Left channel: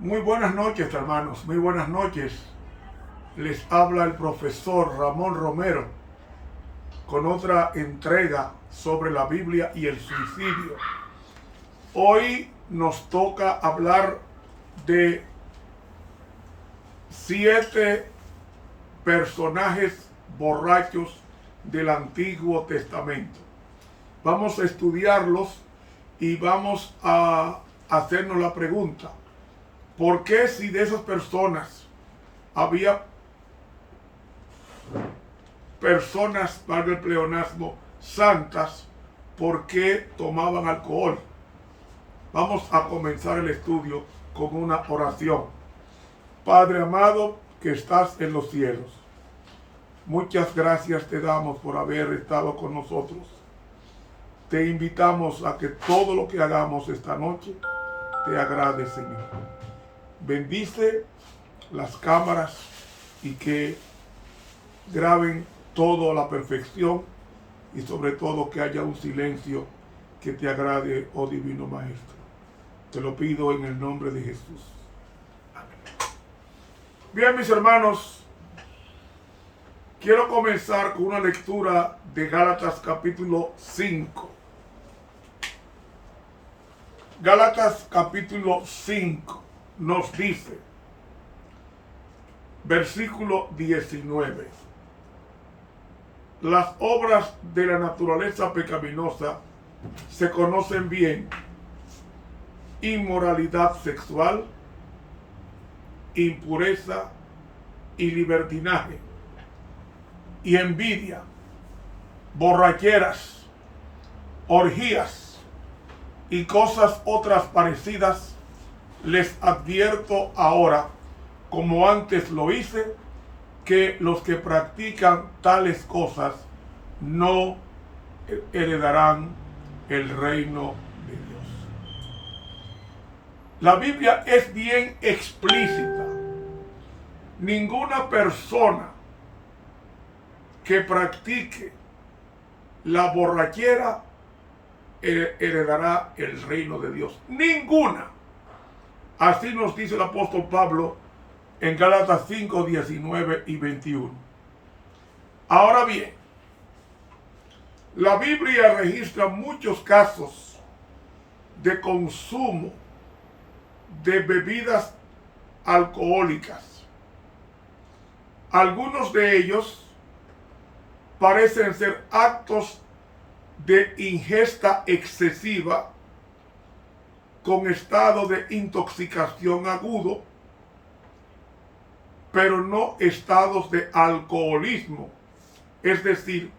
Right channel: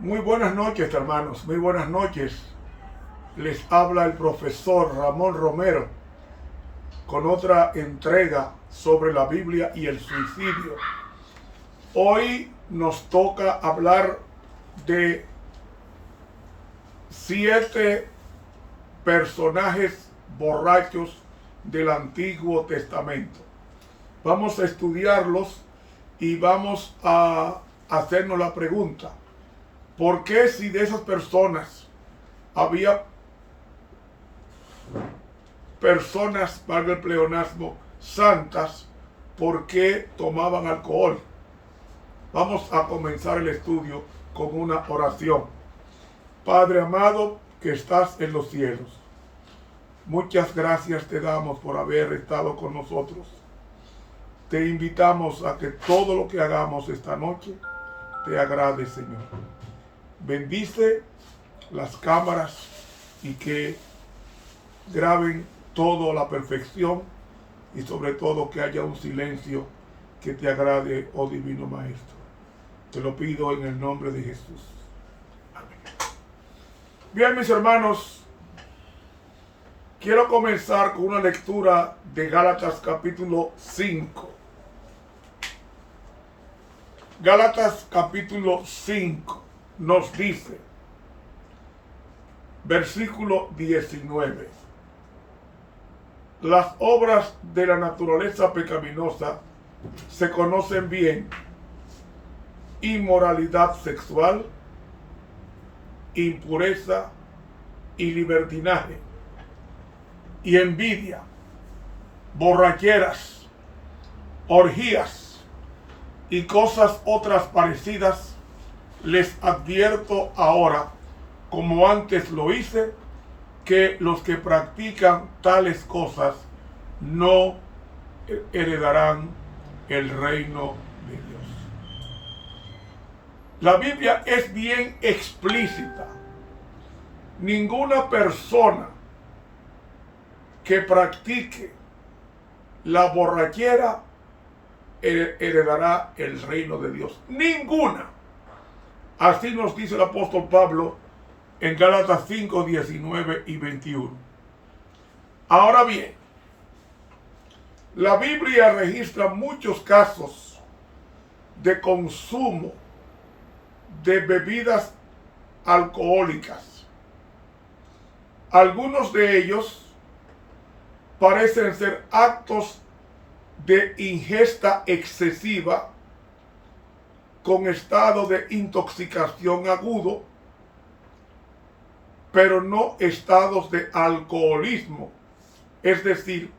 Muy buenas noches, hermanos, muy buenas noches. Les habla el profesor Ramón Romero con otra entrega sobre la Biblia y el suicidio. Hoy nos toca hablar de 7 personajes borrachos del Antiguo Testamento. Vamos a estudiarlos y vamos a hacernos la pregunta: ¿por qué, si de esas personas había personas, valga el pleonasmo, santas, por qué tomaban alcohol? Vamos a comenzar el estudio con una oración. Padre amado que estás en los cielos, muchas gracias te damos por haber estado con nosotros. Te invitamos a que todo lo que hagamos esta noche te agrade, Señor. Bendice las cámaras y que graben todo a la perfección, y sobre todo que haya un silencio que te agrade, oh Divino Maestro. Te lo pido en el nombre de Jesús. Amén. Bien, mis hermanos, quiero comenzar con una lectura de Gálatas capítulo 5. Gálatas capítulo 5 nos dice, versículo 19: las obras de la naturaleza pecaminosa se conocen bien: inmoralidad sexual, impureza y libertinaje, y envidia, borracheras, orgías y cosas otras parecidas. Les advierto ahora, como antes lo hice, que los que practican tales cosas no heredarán el reino de Dios. La Biblia es bien explícita. Ninguna persona que practique la borrachera heredará el reino de Dios. Ninguna. Así nos dice el apóstol Pablo en Gálatas 5, 19 y 21. Ahora bien, la Biblia registra muchos casos de consumo de bebidas alcohólicas. Algunos de ellos parecen ser actos de ingesta excesiva con estado de intoxicación agudo, pero no estados de alcoholismo, es decir,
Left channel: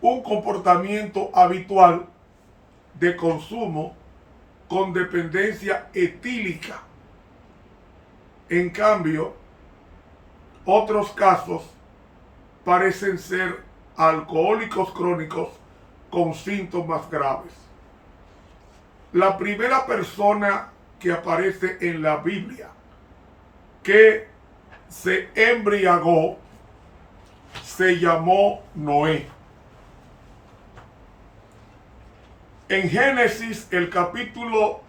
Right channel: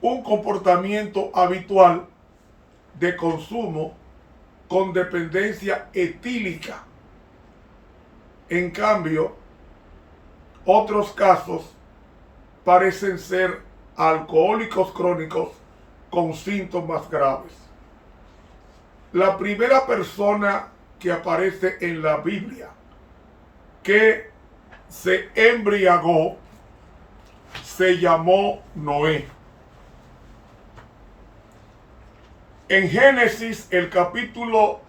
un comportamiento habitual de consumo con dependencia etílica. En cambio, otros casos parecen ser alcohólicos crónicos con síntomas graves. La primera persona que aparece en la Biblia que se embriagó se llamó Noé. En Génesis, el capítulo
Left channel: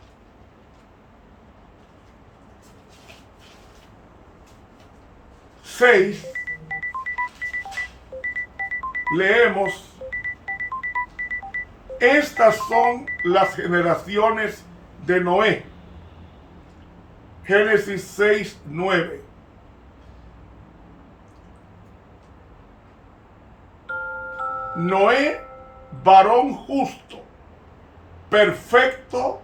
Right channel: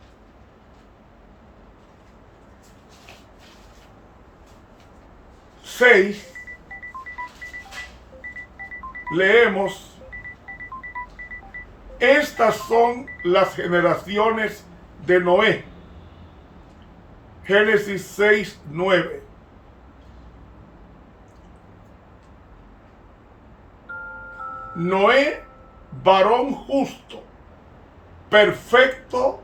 6, leemos: estas son las generaciones de Noé. Génesis 6, 9. Noé, varón justo, perfecto,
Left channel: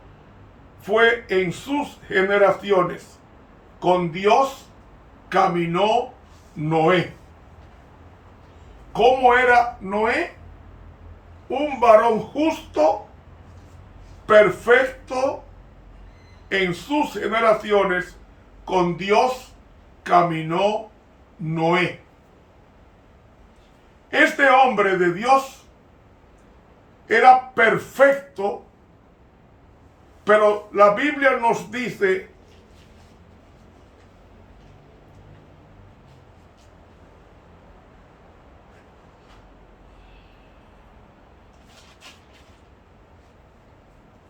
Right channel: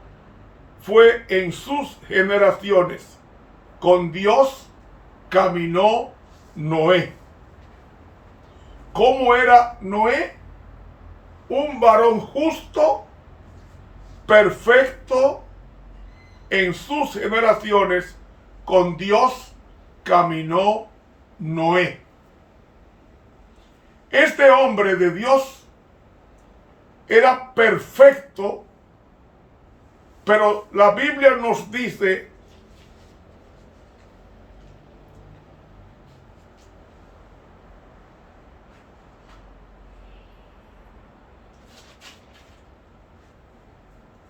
fue en sus generaciones. Con Dios caminó Noé. ¿Cómo era Noé? Un varón justo, perfecto, en sus generaciones. Con Dios caminó Noé. Este hombre de Dios era perfecto, pero la Biblia nos dice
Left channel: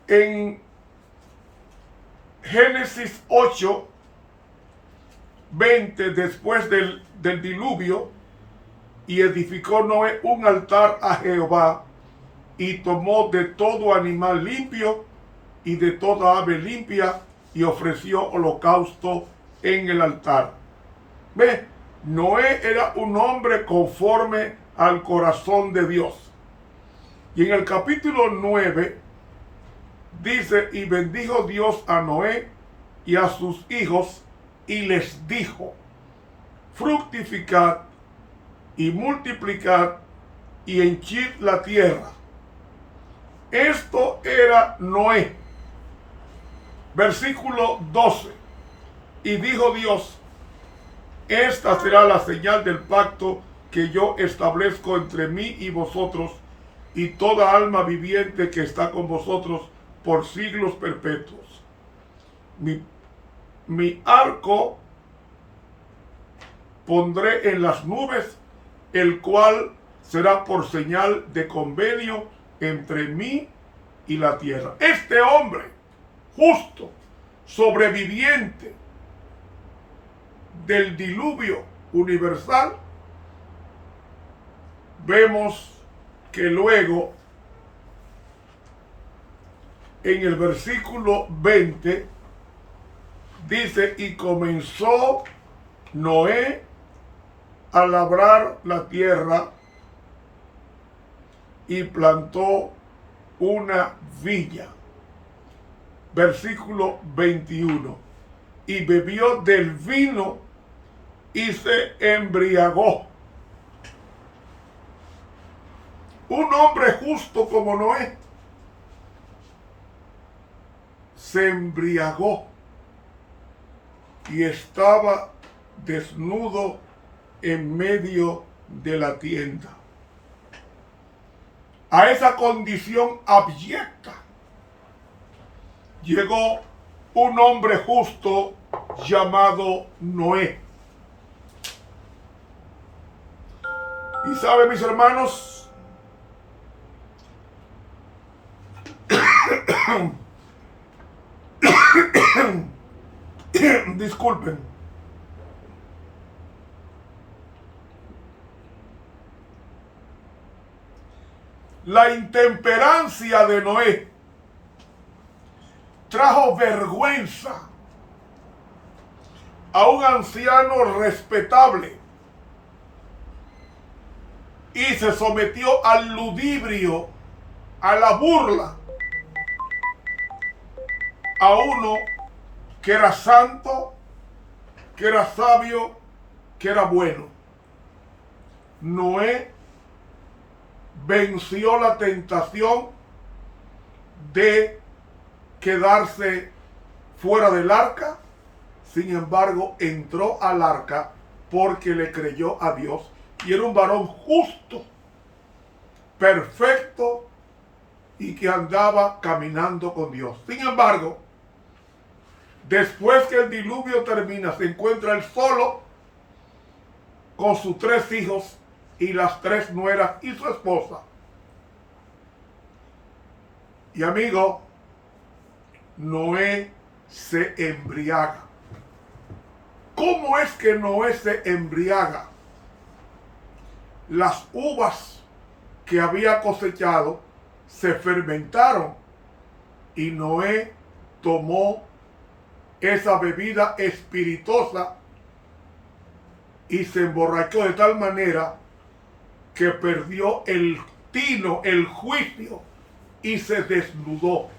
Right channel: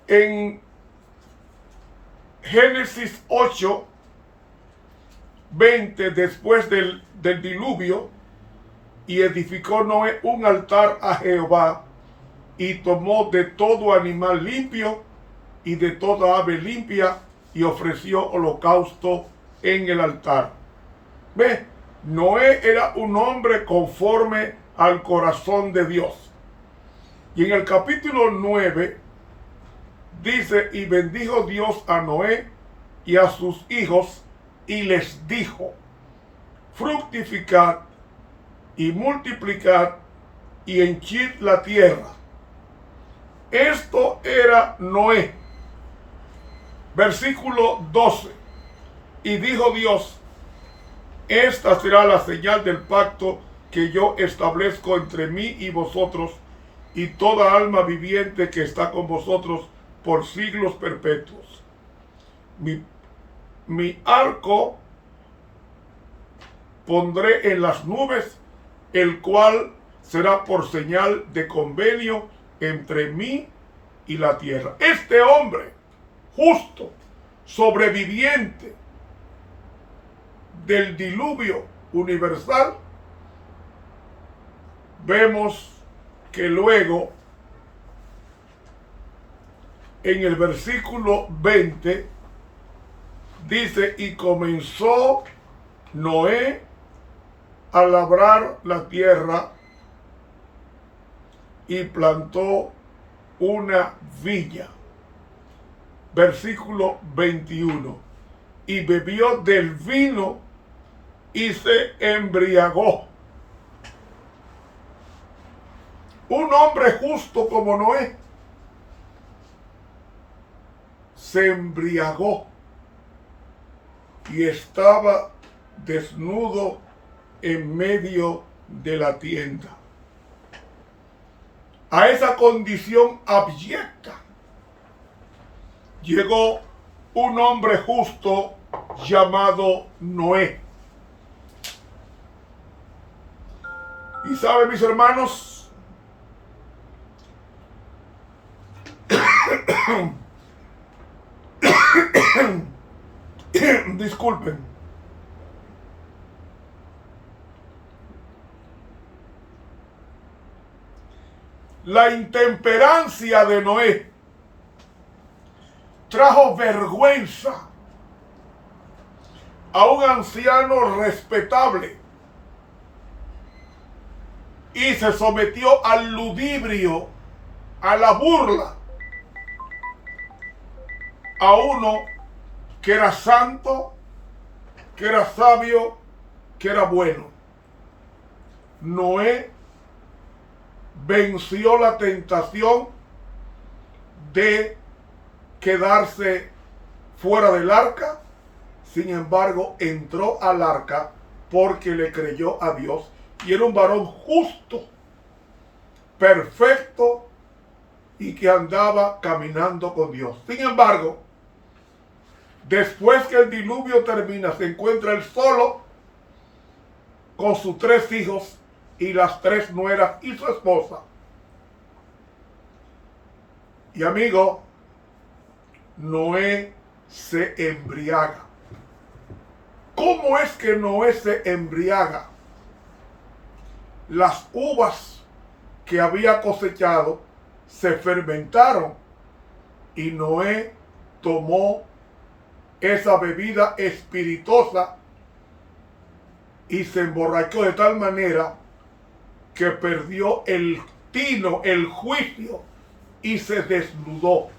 en Génesis 8, 20 después del diluvio, y edificó Noé un altar a Jehová, y tomó de todo animal limpio y de toda ave limpia, y ofreció holocausto en el altar. ¿Ve? Noé era un hombre conforme al corazón de Dios. Y en el capítulo 9 dice: y bendijo Dios a Noé y a sus hijos, y les dijo: fructificad y multiplicad y henchid la tierra. Esto era Noé. Versículo 12. Y dijo Dios: esta será la señal del pacto que yo establezco entre mí y vosotros y toda alma viviente que está con vosotros por siglos perpetuos. Mi arco pondré en las nubes, el cual será por señal de convenio entre mí y la tierra. Este hombre justo, sobreviviente del diluvio universal, vemos que luego en el versículo 20 dice: y comenzó Noé a labrar la tierra y plantó una viña. Versículo 21. Y bebió del vino y se embriagó. Un hombre justo como Noé se embriagó y estaba desnudo en medio de la tienda. A esa condición abyecta llegó un hombre justo llamado Noé. Y sabe, mis hermanos, disculpen, la intemperancia de Noé trajo vergüenza a un anciano respetable y se sometió al ludibrio, a la burla, a uno que era santo, que era sabio, que era bueno. Noé venció la tentación de quedarse fuera del arca. Sin embargo, entró al arca porque le creyó a Dios y era un varón justo, perfecto y que andaba caminando con Dios. Sin embargo, después que el diluvio termina, se encuentra él solo con sus 3 hijos y las 3 nueras y su esposa. Y amigo, Noé se embriaga. ¿Cómo es que Noé se embriaga? Las uvas que había cosechado se fermentaron y Noé tomó esa bebida espirituosa y se emborrachó de tal manera que perdió el tino, el juicio, y se desnudó.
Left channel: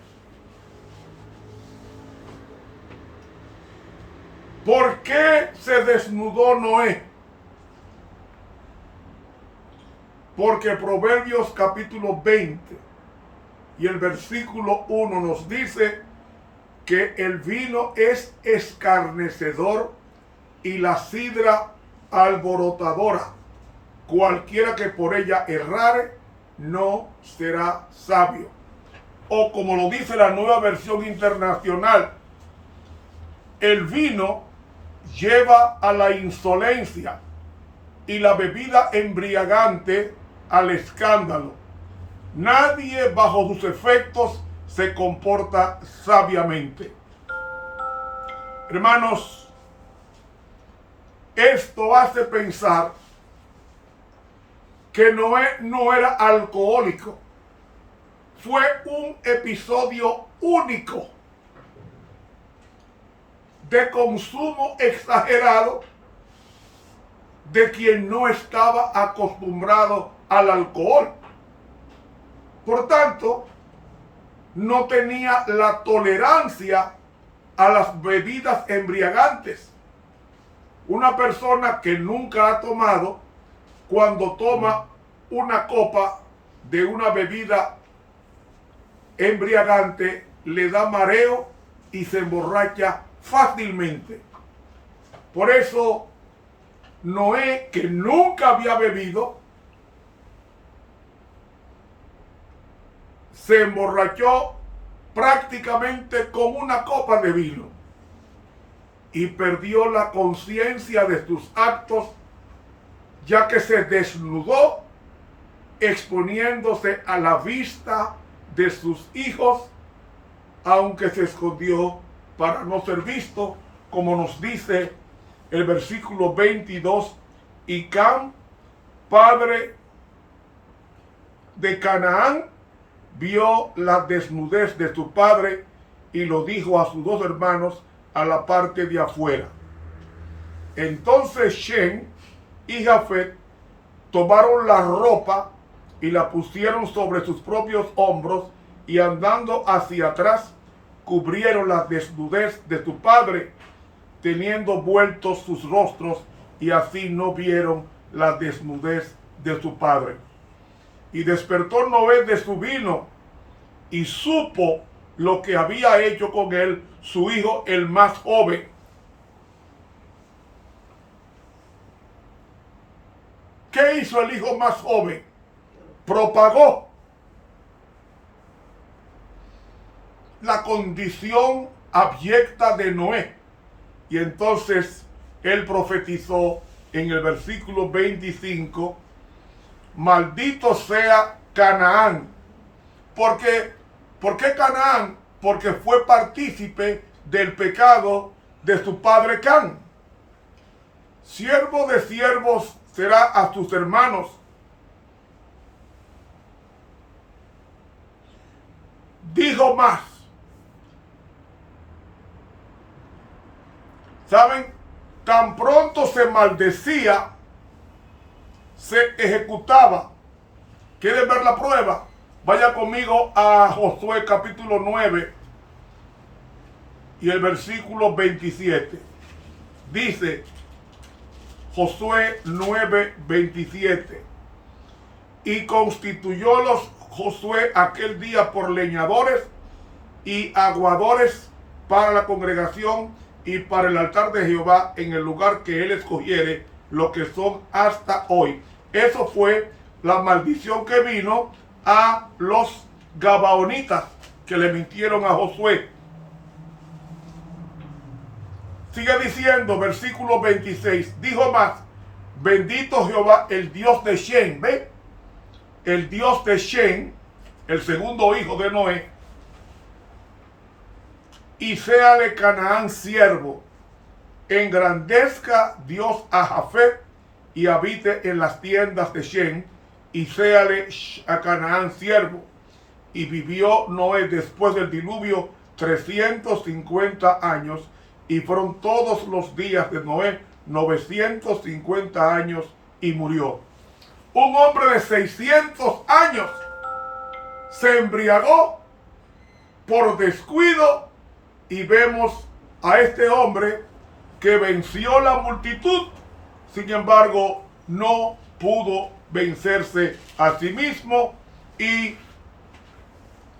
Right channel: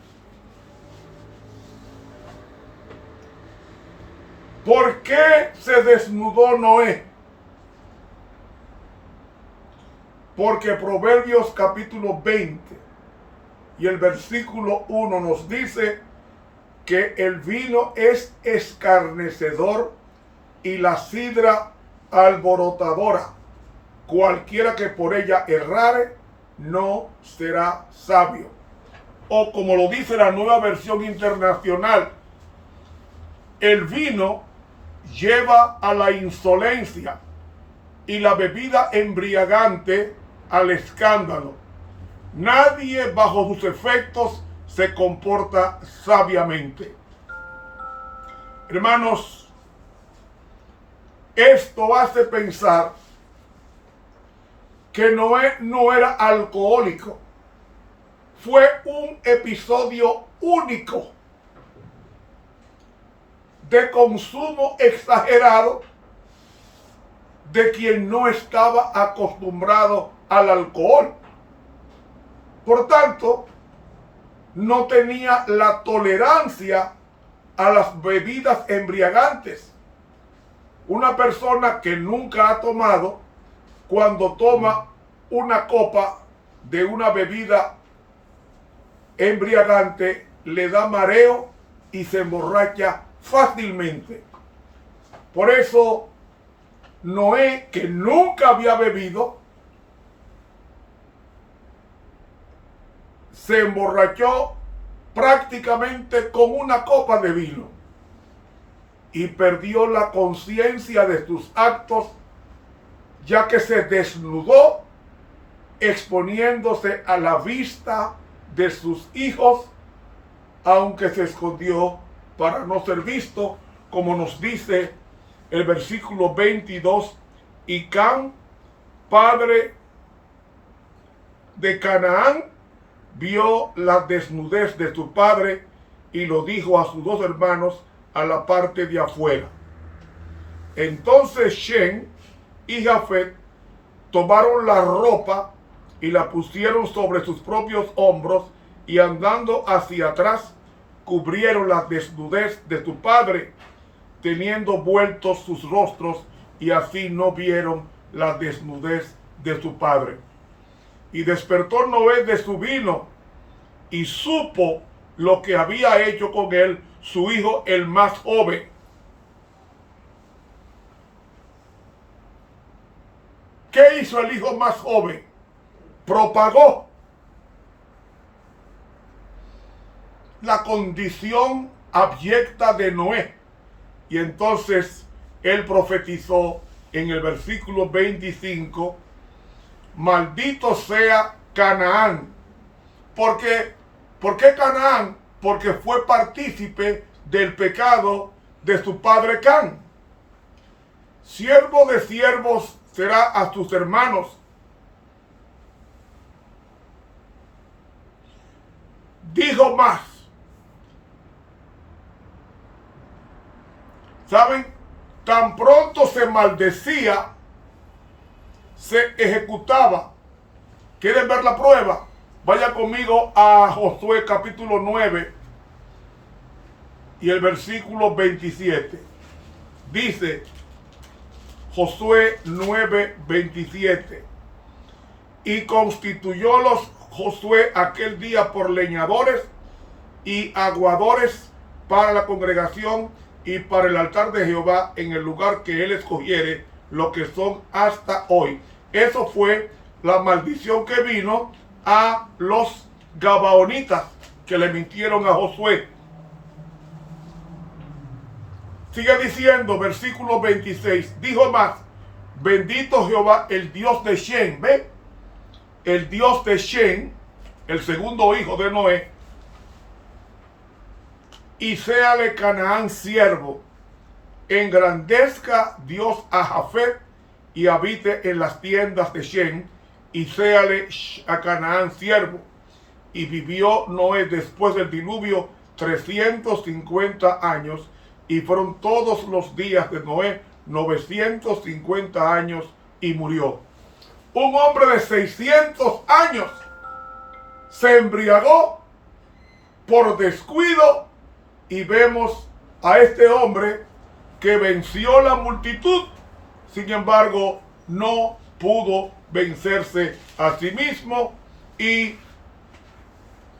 ¿Por qué se desnudó Noé? Porque Proverbios capítulo 20 y el versículo 1 nos dice que el vino es escarnecedor y la sidra alborotadora. Cualquiera que por ella errare no será sabio. O como lo dice la Nueva Versión Internacional, el vino lleva a la insolencia y la bebida embriagante al escándalo. Nadie bajo sus efectos se comporta sabiamente. Hermanos, Esto hace pensar que Noé no era alcohólico. Fue un episodio único de consumo exagerado de quien no estaba acostumbrado al alcohol. Por tanto, no tenía la tolerancia a las bebidas embriagantes. Una persona que nunca ha tomado, cuando toma una copa de una bebida embriagante, le da mareo y se emborracha fácilmente. Por eso, Noé, que nunca había bebido, se emborrachó prácticamente con una copa de vino y perdió la conciencia de sus actos, ya que se desnudó, exponiéndose a la vista de sus hijos, aunque se escondió para no ser visto, como nos dice el versículo 22, y Cam, padre de Canaán, vio la desnudez de su padre y lo dijo a sus dos hermanos a la parte de afuera. Entonces Shem y Jafet tomaron la ropa y la pusieron sobre sus propios hombros y andando hacia atrás cubrieron la desnudez de su padre, teniendo vueltos sus rostros, y así no vieron la desnudez de su padre. Y despertó Noé de su vino y supo lo que había hecho con él su hijo el más joven. ¿Qué hizo el hijo más joven? Propagó la condición abyecta de Noé. Y entonces él profetizó en el versículo 25, maldito sea Canaán. ¿Por qué Canaán? Porque fue partícipe del pecado de su padre Can. Siervo de siervos será a sus hermanos. Dijo más. ¿Saben? Tan pronto se maldecía, se ejecutaba. ¿Quieren ver la prueba? Vaya conmigo a Josué capítulo 9 y el versículo 27. Dice Josué 9, 27. Y constituyólos Josué aquel día por leñadores y aguadores para la congregación y para el altar de Jehová en el lugar que él escogiere, lo que son hasta hoy. Eso fue la maldición que vino a los gabaonitas que le mintieron a Josué. Sigue diciendo, versículo 26, dijo más, bendito Jehová, el Dios de Shem, ¿ve? El Dios de Shem, el segundo hijo de Noé, y séale Canaán siervo, engrandezca Dios a Jafet y habite en las tiendas de Shem, y séale a Canaán siervo. Y vivió Noé después del diluvio 350 años, y fueron todos los días de Noé 950 años, y murió. Un hombre de 600 años se embriagó por descuido, y vemos a este hombre que venció la multitud, sin embargo no pudo vencerse a sí mismo y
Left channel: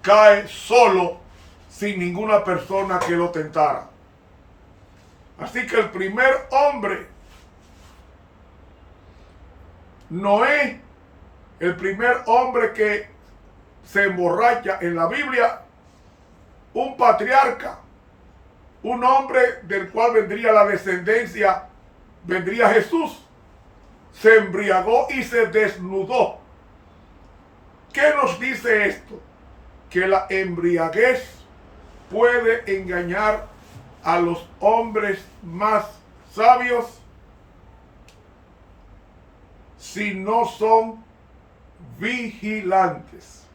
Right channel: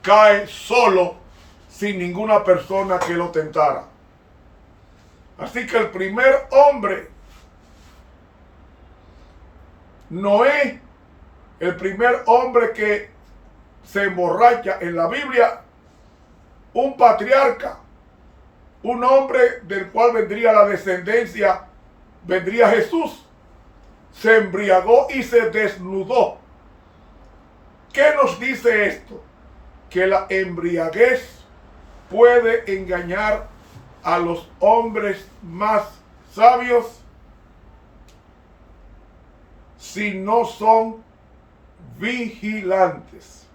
cae solo sin ninguna persona que lo tentara. Así que el primer hombre, Noé, el primer hombre que se emborracha en la Biblia, un patriarca, un hombre del cual vendría la descendencia, vendría Jesús, se embriagó y se desnudó. ¿Qué nos dice esto? Que la embriaguez puede engañar a los hombres más sabios si no son vigilantes.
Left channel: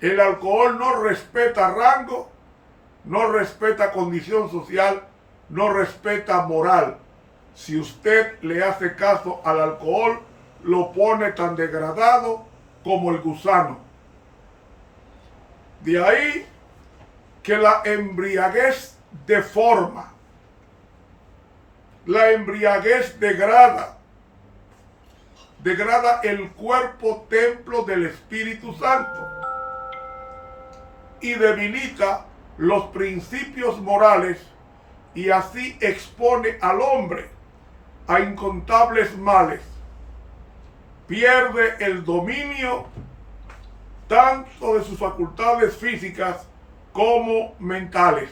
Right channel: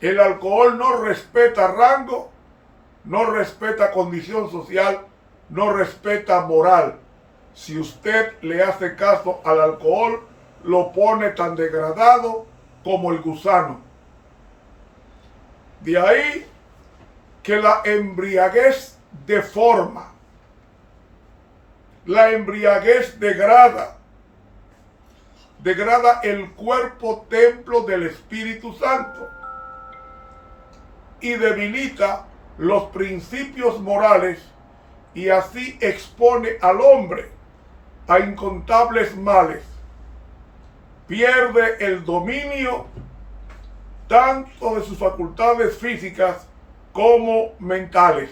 El alcohol no respeta rango, no respeta condición social, no respeta moral. Si usted le hace caso al alcohol, lo pone tan degradado como el gusano. De ahí que la embriaguez deforma, la embriaguez degrada el cuerpo templo del Espíritu Santo y debilita los principios morales y así expone al hombre a incontables males. Pierde el dominio tanto de sus facultades físicas como mentales.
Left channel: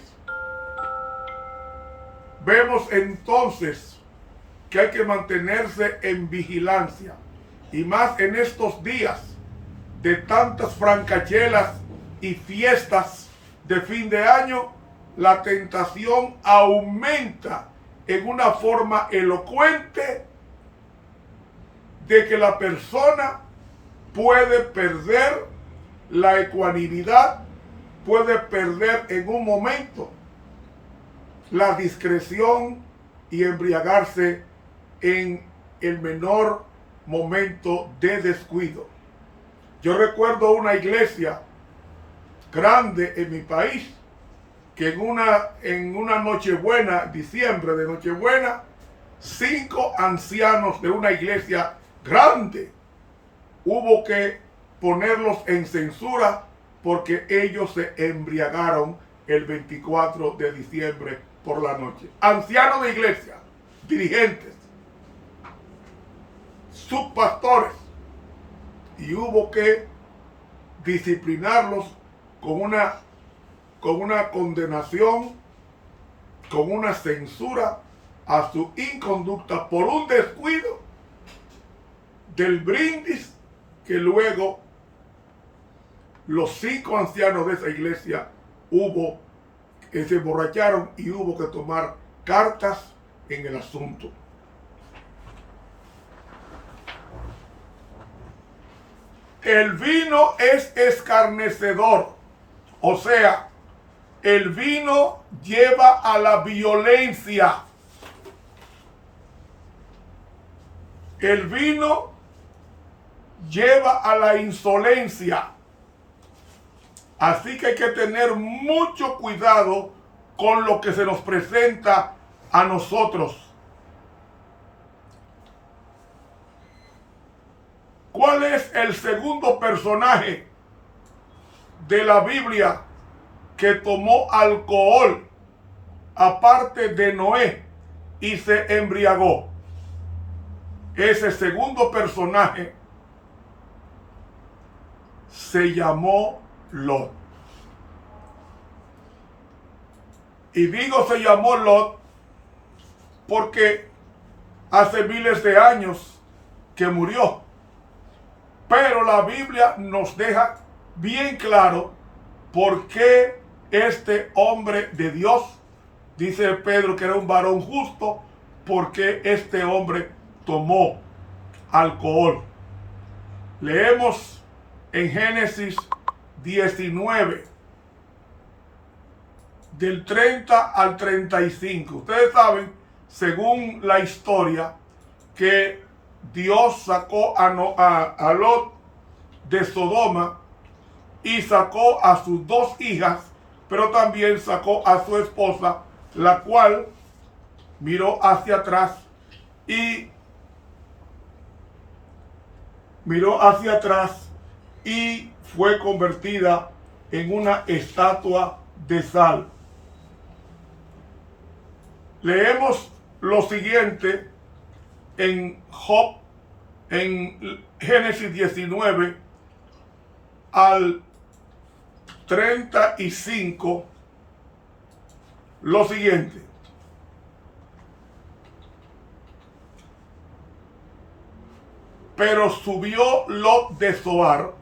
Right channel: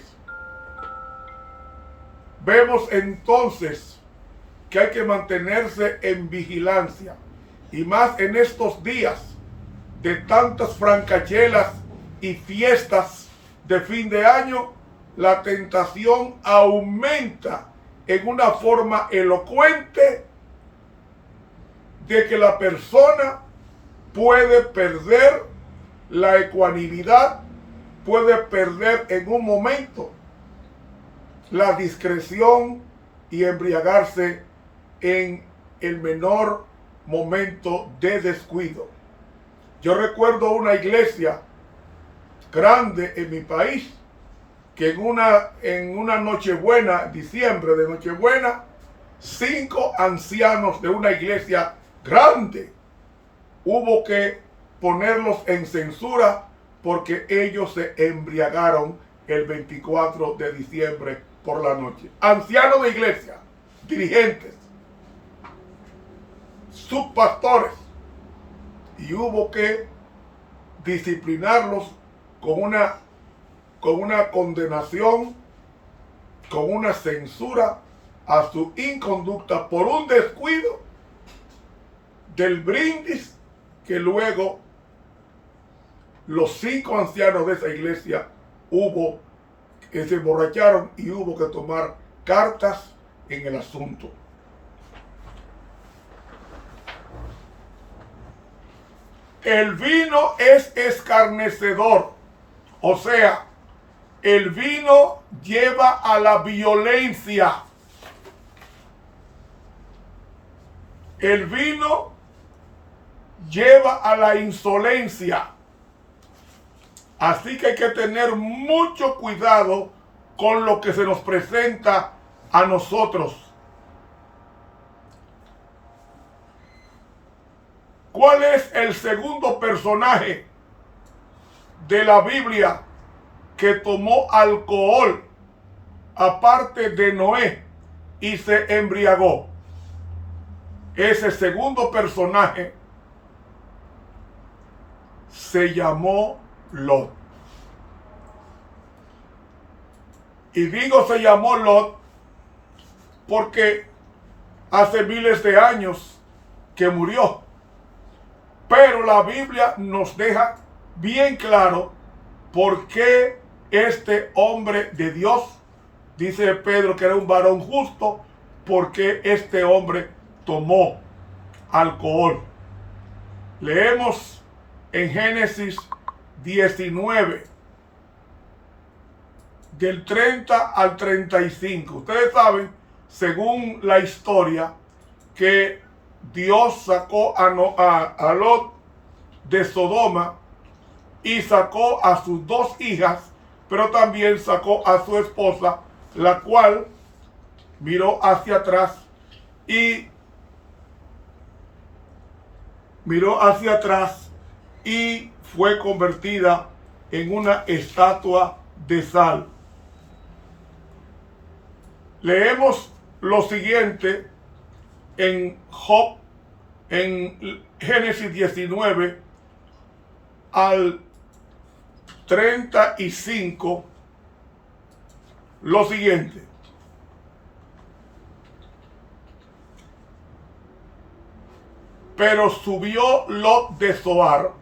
Vemos entonces que hay que mantenerse en vigilancia, y más en estos días de tantas francachelas y fiestas de fin de año. La tentación aumenta en una forma elocuente de que la persona puede perder la ecuanimidad, puede perder en un momento la discreción y embriagarse en el menor momento de descuido. Yo recuerdo una iglesia grande en mi país que en una Nochebuena, diciembre de Nochebuena, 5 ancianos de una iglesia grande hubo que ponerlos en censura porque ellos se embriagaron el 24 de diciembre por la noche. Ancianos de iglesia, dirigentes, subpastores, y hubo que disciplinarlos con una condenación, con una censura a su inconducta por un descuido del brindis que luego los 5 ancianos de esa iglesia se emborracharon y hubo que tomar cartas en el asunto. El vino es escarnecedor, o sea, el vino lleva a la violencia. El vino lleva a la insolencia. Así que hay que tener mucho cuidado con lo que se nos presenta a nosotros. ¿Cuál es el segundo personaje de la Biblia que tomó alcohol aparte de Noé y se embriagó? Ese segundo personaje se llamó Lot. Y digo se llamó Lot porque hace miles de años que murió. Pero la Biblia nos deja bien claro por qué este hombre de Dios, dice Pedro que era un varón justo, por qué este hombre tomó alcohol. Leemos en Génesis 19, del 30 al 35. Ustedes saben, según la historia, que Dios sacó a Lot de Sodoma y sacó a sus 2 hijas, pero también sacó a su esposa, la cual miró hacia atrás y fue convertida en una estatua de sal. Leemos lo siguiente en Job, en Génesis 19 al 35, lo siguiente: pero subió Lot de Zoar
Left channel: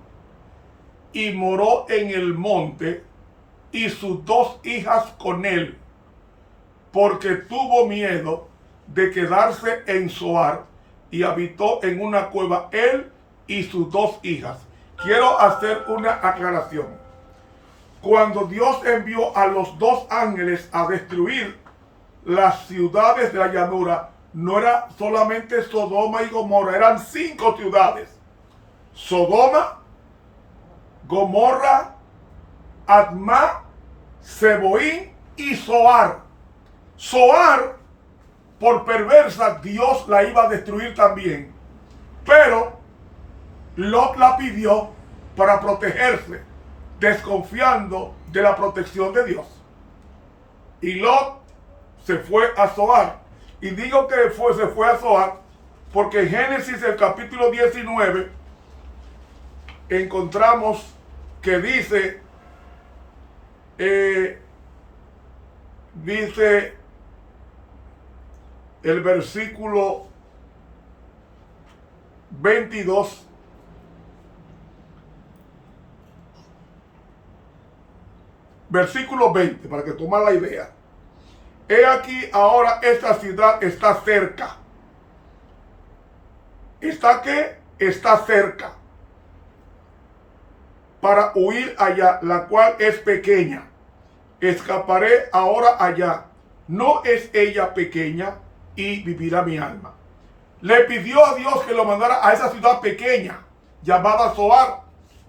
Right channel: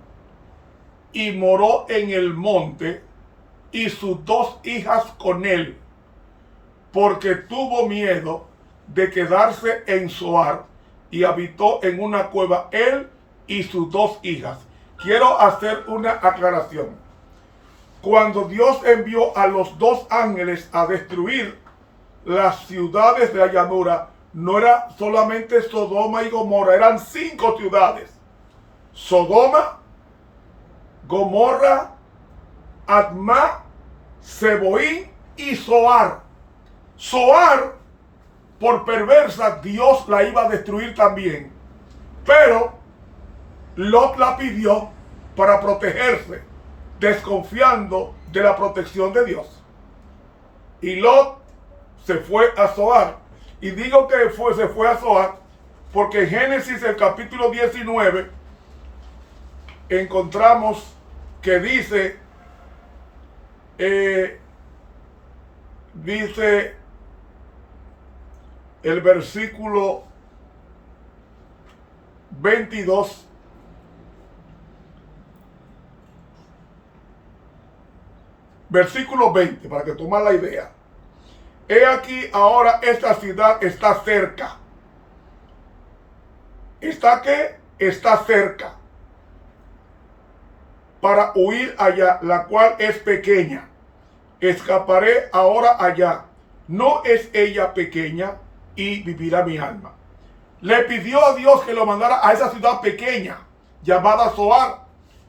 y moró en el monte, y sus 2 hijas con él, porque tuvo miedo de quedarse en Zoar y habitó en una cueva él y sus 2 hijas. Quiero hacer una aclaración. Cuando Dios envió a los 2 ángeles a destruir las ciudades de la llanura, no era solamente Sodoma y Gomorra, eran 5 ciudades. Sodoma, Gomorra, Admá, Zeboín y Zoar. Zoar, por perversa, Dios la iba a destruir también. Pero Lot la pidió para protegerse, desconfiando de la protección de Dios. Y Lot se fue a Zoar. Y digo que se fue a Zoar porque en Génesis, el capítulo 19, encontramos que dice el versículo 22, versículo 20, para que tomen la idea. He aquí ahora esta ciudad está cerca. ¿Está qué? Está cerca. Para huir allá, la cual es pequeña. Escaparé ahora allá. No es ella pequeña y vivirá mi alma. Le pidió a Dios que lo mandara a esa ciudad pequeña, llamada Zoar,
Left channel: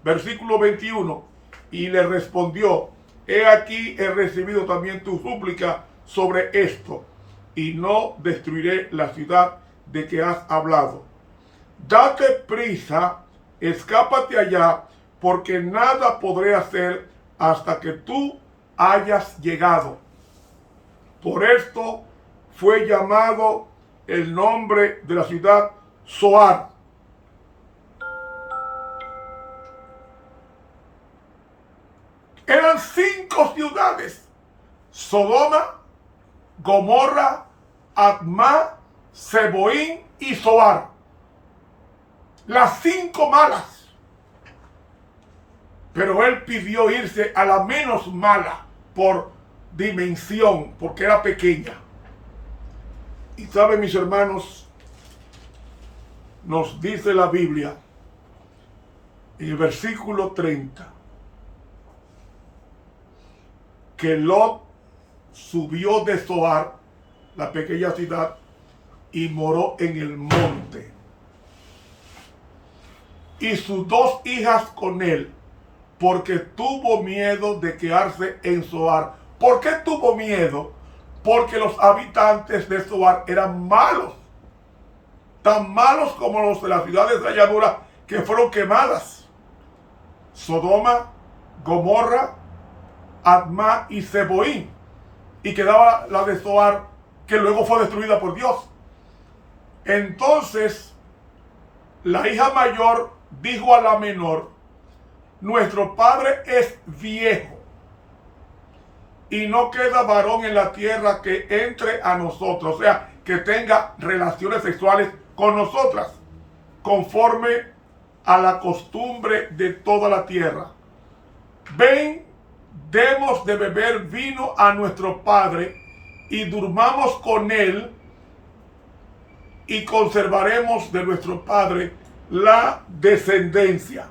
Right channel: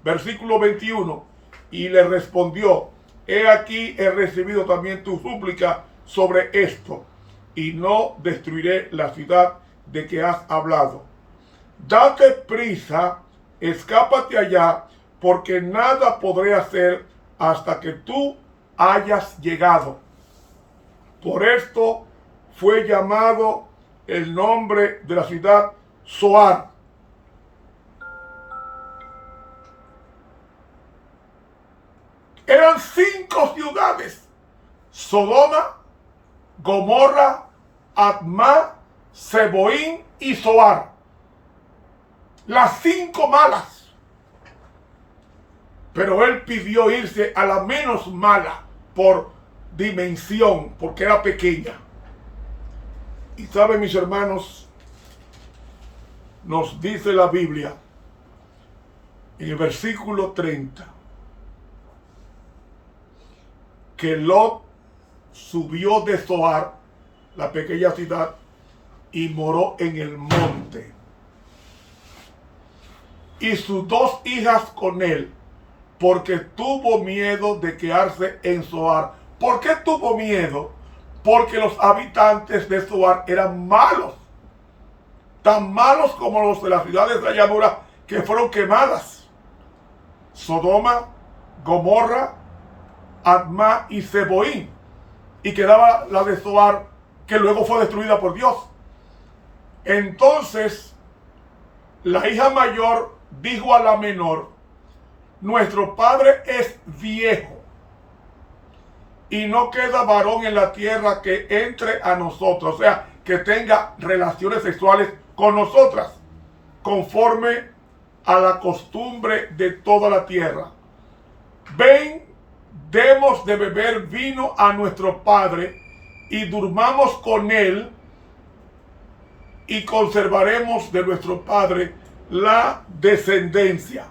versículo 21. Y le respondió: he aquí he recibido también tu súplica sobre esto, y no destruiré la ciudad de que has hablado. Date prisa, escápate allá, porque nada podré hacer hasta que tú hayas llegado. Por esto fue llamado el nombre de la ciudad Zoar. Eran 5 ciudades: Sodoma, Gomorra, Admá, Zeboín y Zoar. Las 5 malas. Pero él pidió irse a la menos mala por dimensión, porque era pequeña. Y saben, mis hermanos, nos dice la Biblia en el versículo 30 que Lot subió de Zoar, la pequeña ciudad, y moró en el monte. Y sus 2 hijas con él, porque tuvo miedo de quedarse en Zoar. ¿Por qué tuvo miedo? Porque los habitantes de Zoar eran malos, tan malos como los de las ciudades de la llanura que fueron quemadas: Sodoma, Gomorra, Admá y Zeboín. Y quedaba la de Zoar, que luego fue destruida por Dios. Entonces la hija mayor dijo a la menor: nuestro padre es viejo y no queda varón en la tierra que entre a nosotros, o sea, que tenga relaciones sexuales con nosotras, conforme a la costumbre de toda la tierra. Ven, demos de beber vino a nuestro padre y durmamos con él, y conservaremos de nuestro padre la descendencia.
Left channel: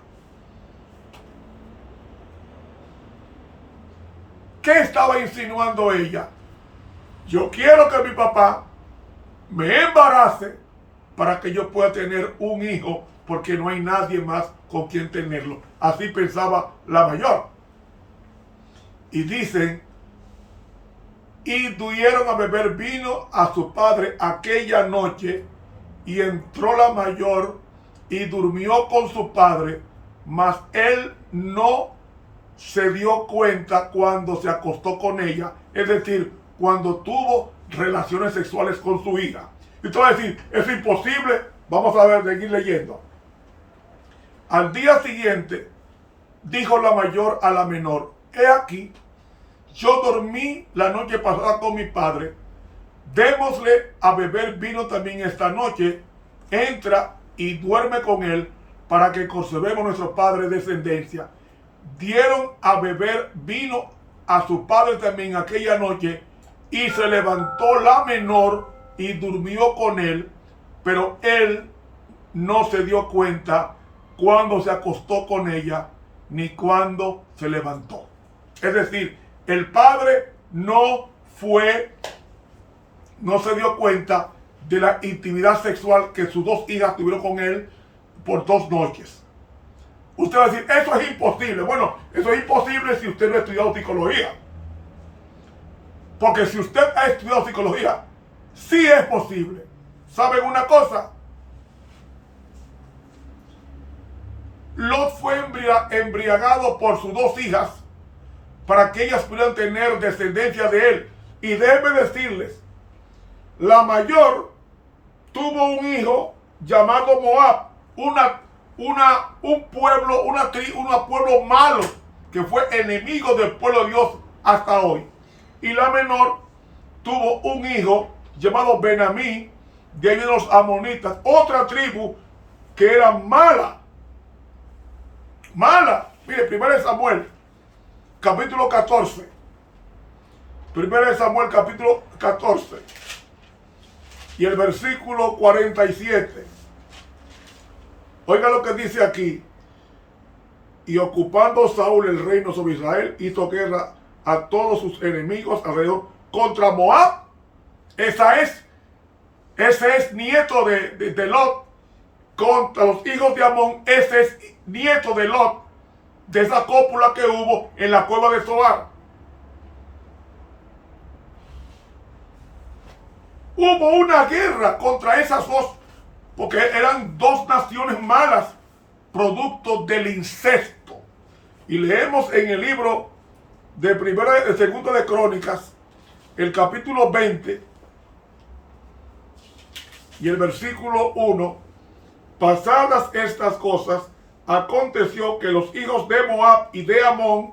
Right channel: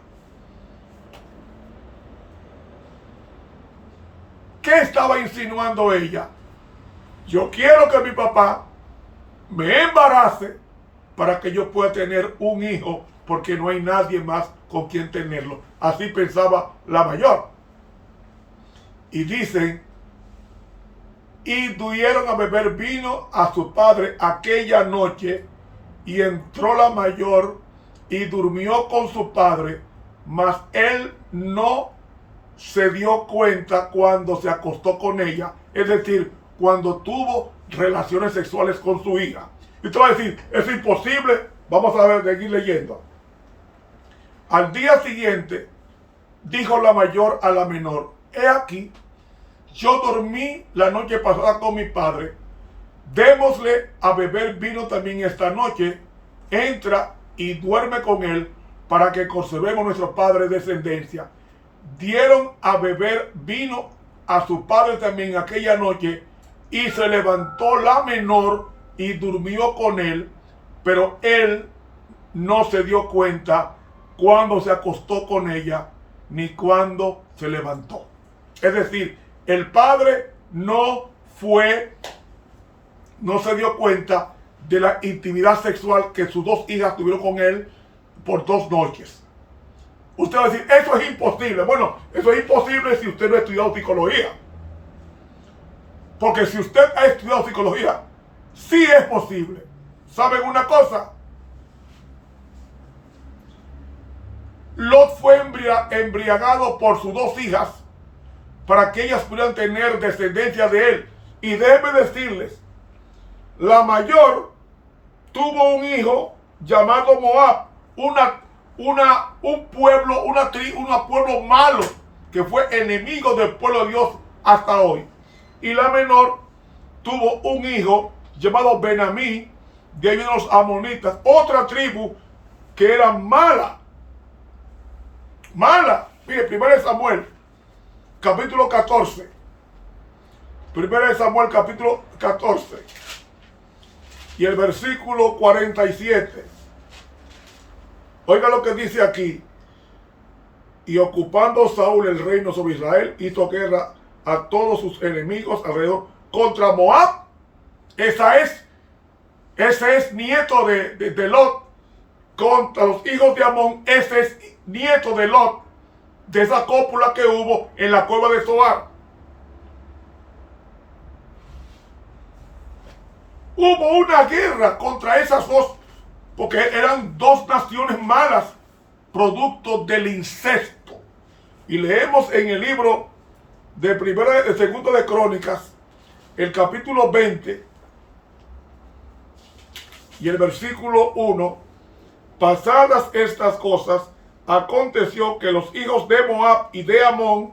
¿Qué estaba insinuando ella? Yo quiero que mi papá me embarace para que yo pueda tener un hijo, porque no hay nadie más con quien tenerlo. Así pensaba la mayor. Y dicen: y dieron a beber vino a su padre aquella noche, y entró la mayor y durmió con su padre, mas él no se dio cuenta cuando se acostó con ella, es decir, cuando tuvo relaciones sexuales con su hija. Y tú vas a decir: es imposible. Vamos a ver, seguir leyendo. Al día siguiente dijo la mayor a la menor: he aquí, yo dormí la noche pasada con mi padre, démosle a beber vino también esta noche, entra y duerme con él, para que conservemos nuestro padre descendencia. Dieron a beber vino a su padre también aquella noche, y se levantó la menor y durmió con él, pero él no se dio cuenta cuando se acostó con ella ni cuando se levantó. Es decir, el padre no se dio cuenta de la intimidad sexual que sus dos hijas tuvieron con él por 2 noches. Usted va a decir, eso es imposible. Bueno, eso es imposible si usted no ha estudiado psicología. Porque si usted ha estudiado psicología, sí es posible. ¿Saben una cosa? Lot fue embriagado por sus 2 hijas para que ellas pudieran tener descendencia de él. Y déjenme decirles, la mayor tuvo un hijo llamado Moab, un pueblo malo que fue enemigo del pueblo de Dios hasta hoy. Y la menor tuvo un hijo llamado Benamí, de los amonitas, otra tribu que era mala. Mire, 1 Samuel, capítulo 14. 1 Samuel, capítulo 14. Y el versículo 47. Oiga lo que dice aquí. Y ocupando Saúl el reino sobre Israel, hizo guerra a todos sus enemigos alrededor contra Moab. Ese es nieto de Lot. Contra los hijos de Amón, ese es nieto de Lot, de esa cópula que hubo en la cueva de Zoar. Hubo una guerra contra esas dos, porque eran 2 naciones malas, producto del incesto. Y leemos en el libro de segundo de Crónicas, el capítulo 20 y el versículo 1. Pasadas estas cosas, aconteció que los hijos de Moab y de Amón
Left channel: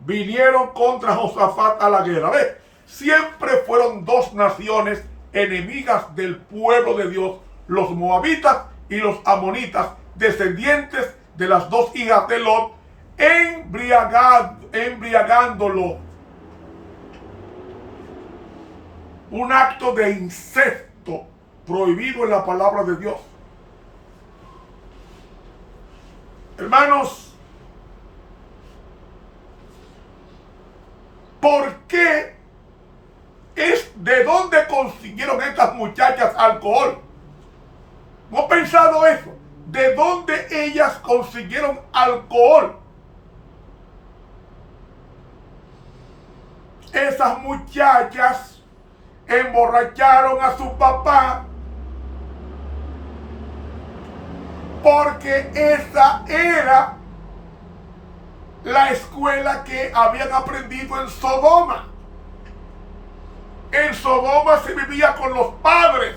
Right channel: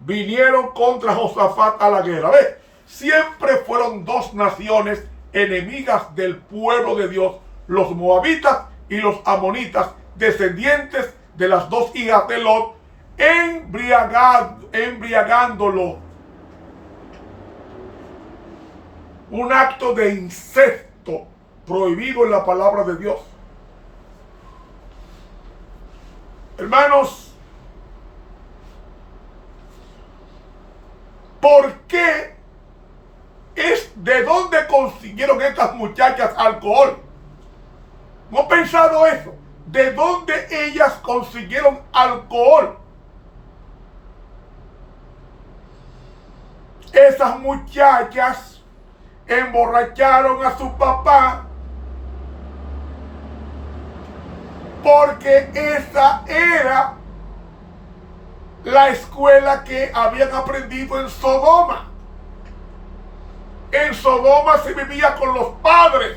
vinieron contra Josafat a la guerra. ¿Ve? Siempre fueron 2 naciones enemigas del pueblo de Dios, los moabitas y los amonitas, descendientes de las 2 hijas de Lot, embriagándolo. Un acto de incesto prohibido en la palabra de Dios. Hermanos, ¿por qué de dónde consiguieron estas muchachas alcohol? ¿No he pensado eso? ¿De dónde ellas consiguieron alcohol? Esas muchachas emborracharon a su papá porque esa era la escuela que habían aprendido en Sodoma. En Sodoma se vivía con los padres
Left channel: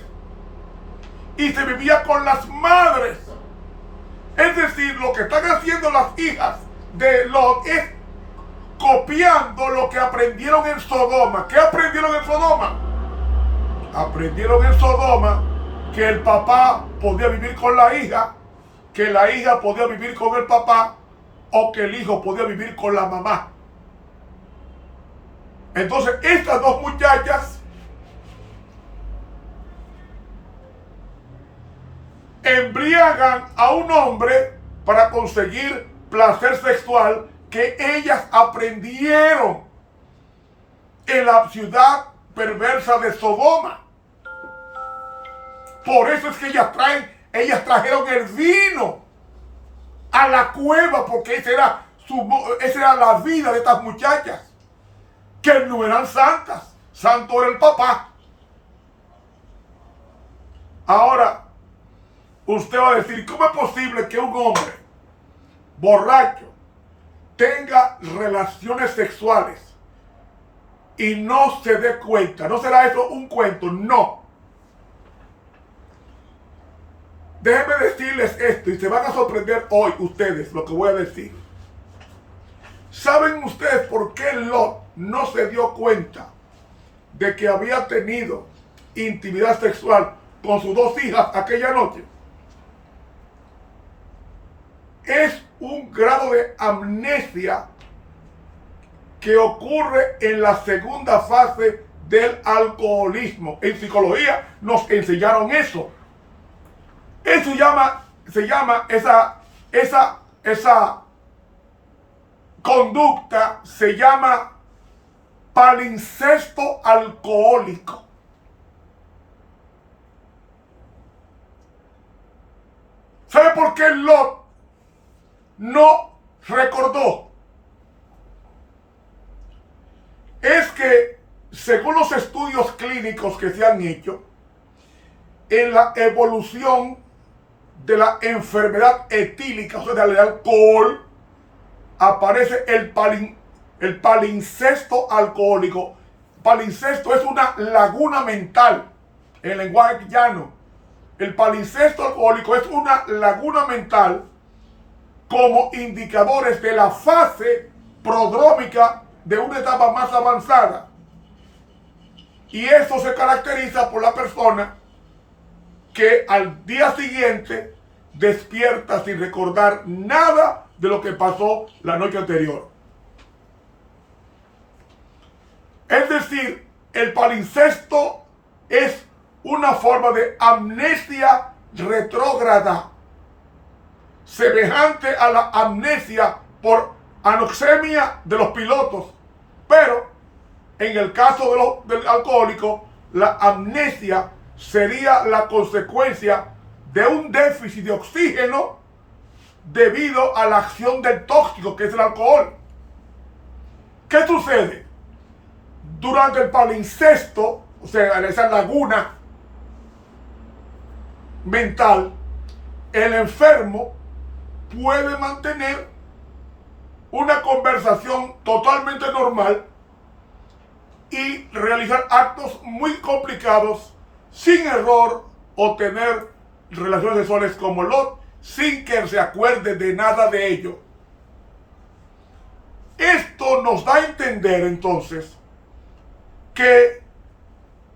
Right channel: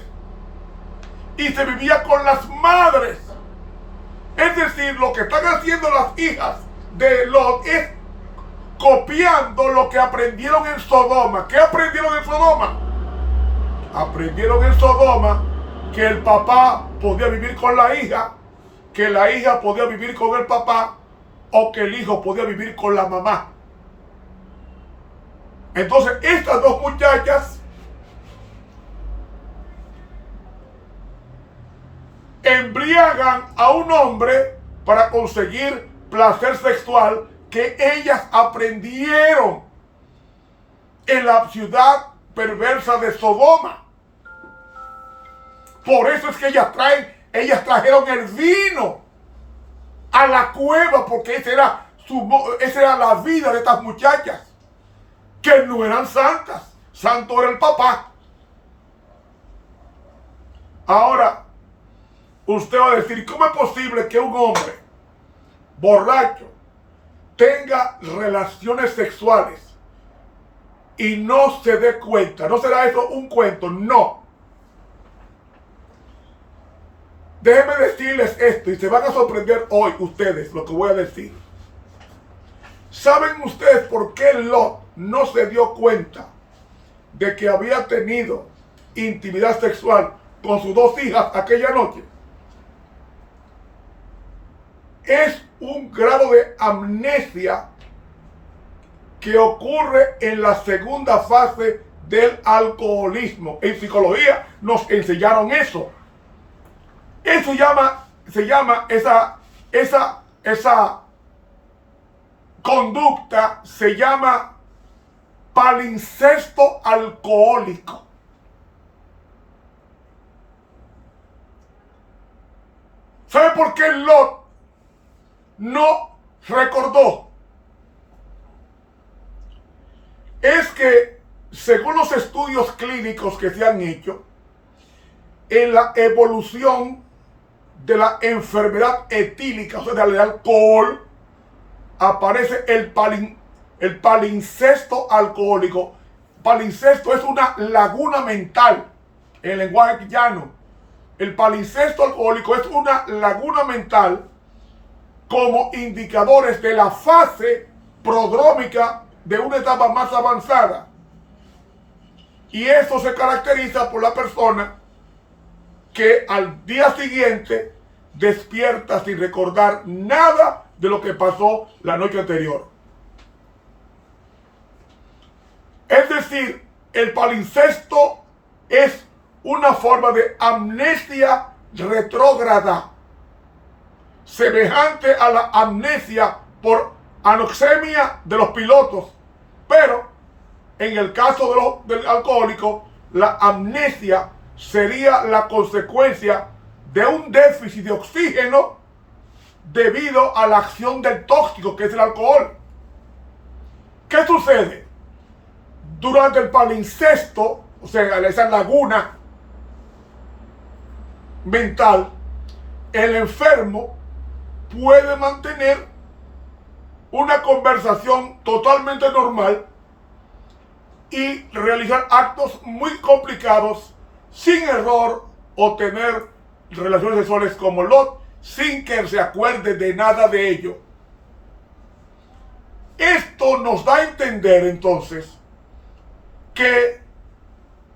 y se vivía con las madres. Es decir, lo que están haciendo las hijas de Lot es copiando lo que aprendieron en Sodoma. ¿Qué aprendieron en Sodoma? Aprendieron en Sodoma que el papá podía vivir con la hija, que la hija podía vivir con el papá, o que el hijo podía vivir con la mamá. Entonces estas 2 muchachas embriagan a un hombre para conseguir placer sexual que ellas aprendieron en la ciudad perversa de Sodoma. Por eso es que ellas trajeron el vino a la cueva, porque esa era la vida de estas muchachas, que no eran santas. Santo era el papá. Ahora, usted va a decir, ¿cómo es posible que un hombre borracho tenga relaciones sexuales y no se dé cuenta? ¿No será eso un cuento? No. Déjenme decirles esto y se van a sorprender hoy ustedes lo que voy a decir. ¿Saben ustedes por qué Lot no se dio cuenta de que había tenido intimidad sexual con sus 2 hijas aquella noche? Es un grado de amnesia que ocurre en la segunda fase del alcoholismo. En psicología nos enseñaron eso. Eso se llama esa conducta, se llama palincesto alcohólico. ¿Sabe por qué Lot no recordó? Es que, según los estudios clínicos que se han hecho, en la evolución de la enfermedad etílica, o sea, del alcohol, aparece el palincesto alcohólico. Palincesto es una laguna mental, en lenguaje llano. El palincesto alcohólico es una laguna mental como indicadores de la fase prodrómica de una etapa más avanzada. Y eso se caracteriza por la persona que al día siguiente despierta sin recordar nada de lo que pasó la noche anterior. Es decir, el palincesto es una forma de amnesia retrógrada, semejante a la amnesia por anoxemia de los pilotos, pero en el caso del alcohólico, la amnesia sería la consecuencia de un déficit de oxígeno debido a la acción del tóxico que es el alcohol. ¿Qué sucede? Durante el palincesto, o sea, esa laguna mental, el enfermo puede mantener una conversación totalmente normal y realizar actos muy complicados sin error o tener relaciones sexuales como Lot sin que se acuerde de nada de ello. Esto nos da a entender entonces que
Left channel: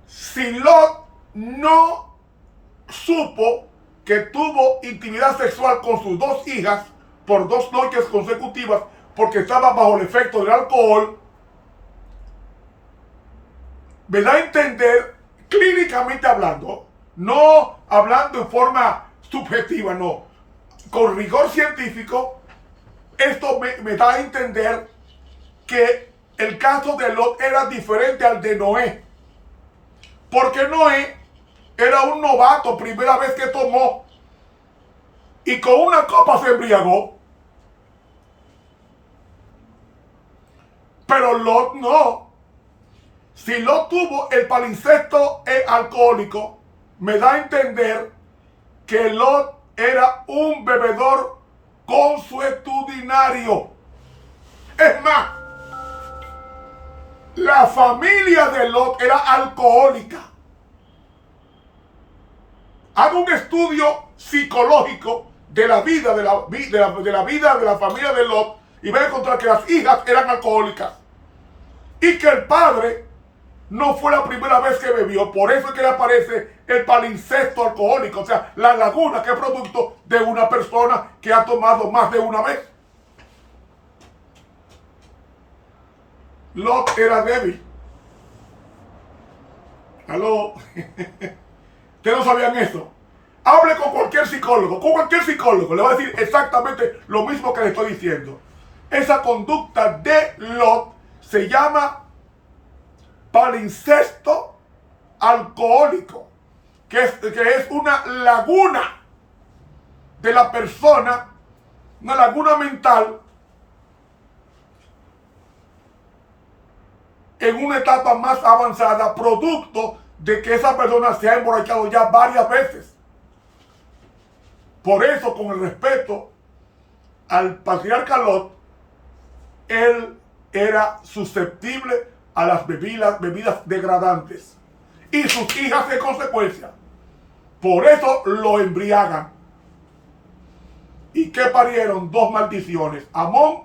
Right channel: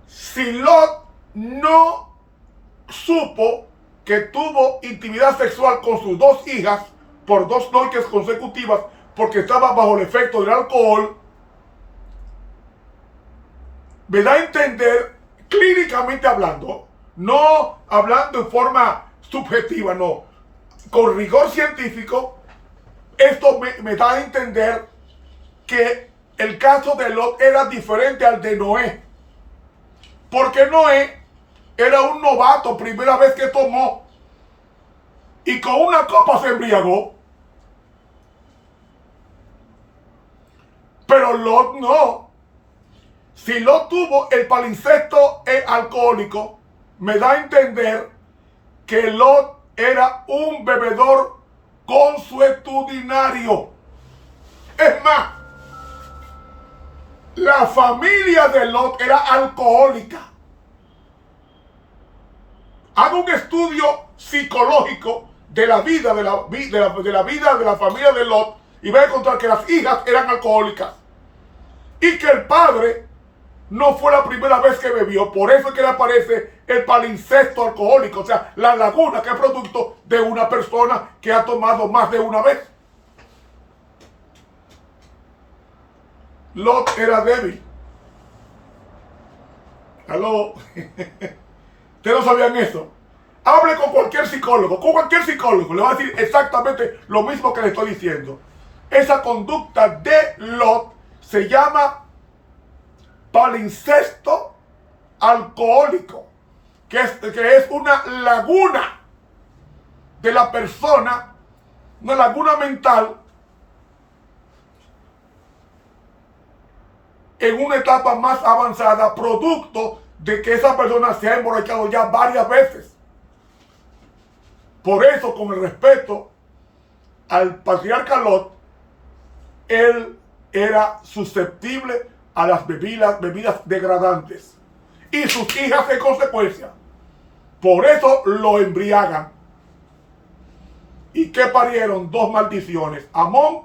si Lot no supo que tuvo intimidad sexual con sus dos hijas por 2 noches consecutivas porque estaba bajo el efecto del alcohol, me da a entender, clínicamente hablando, no hablando en forma subjetiva, no, con rigor científico, esto me da a entender que el caso de Lot era diferente al de Noé, porque Noé era un novato, primera vez que tomó, y con una copa se embriagó. Pero Lot no. Si Lot tuvo el palincesto alcohólico, me da a entender que Lot era un bebedor consuetudinario. Es más, la familia de Lot era alcohólica. Haga un estudio psicológico de la vida de la familia de Lot y va a encontrar que las hijas eran alcohólicas y que el padre no fue la primera vez que bebió. Por eso es que le aparece el palincesto alcohólico, o sea, la laguna que es producto de una persona que ha tomado más de una vez. Lot era débil. ¿Aló? ¿Ustedes no sabían eso? Hable con cualquier psicólogo le va a decir exactamente lo mismo que le estoy diciendo. Esa conducta de Lot se llama palincesto alcohólico, que es una laguna de la persona, una laguna mental en una etapa más avanzada, producto de que esa persona se ha emborrachado ya varias veces. Por eso, con el respeto al patriarca Lot, él era susceptible a las bebidas degradantes y sus hijas en consecuencia. Por eso lo embriagan. ¿Y qué parieron? 2 maldiciones, Amón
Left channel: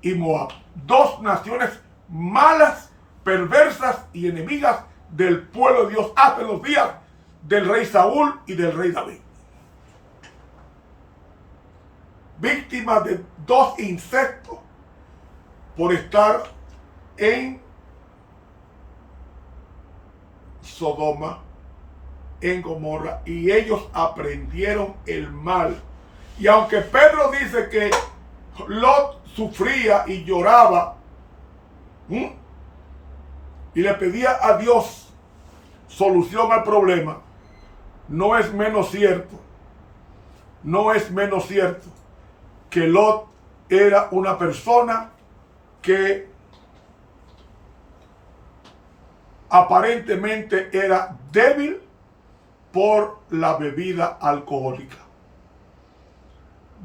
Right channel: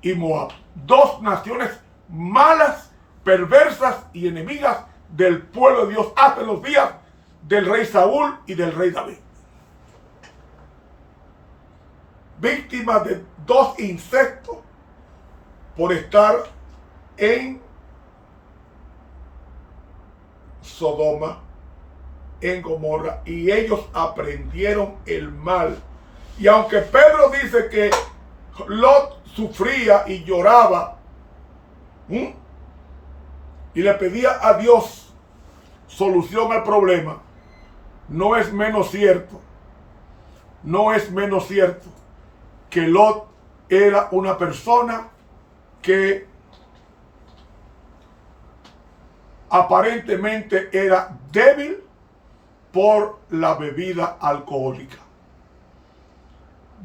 y Moab. 2 naciones malas, perversas y enemigas del pueblo de Dios hasta los días del rey Saúl y del rey David. Víctimas de 2 incestos por estar en Sodoma, en Gomorra, y ellos aprendieron el mal. Y aunque Pedro dice que Lot sufría y lloraba, y le pedía a Dios solución al problema, no es menos cierto que Lot era una persona que aparentemente era débil por la bebida alcohólica.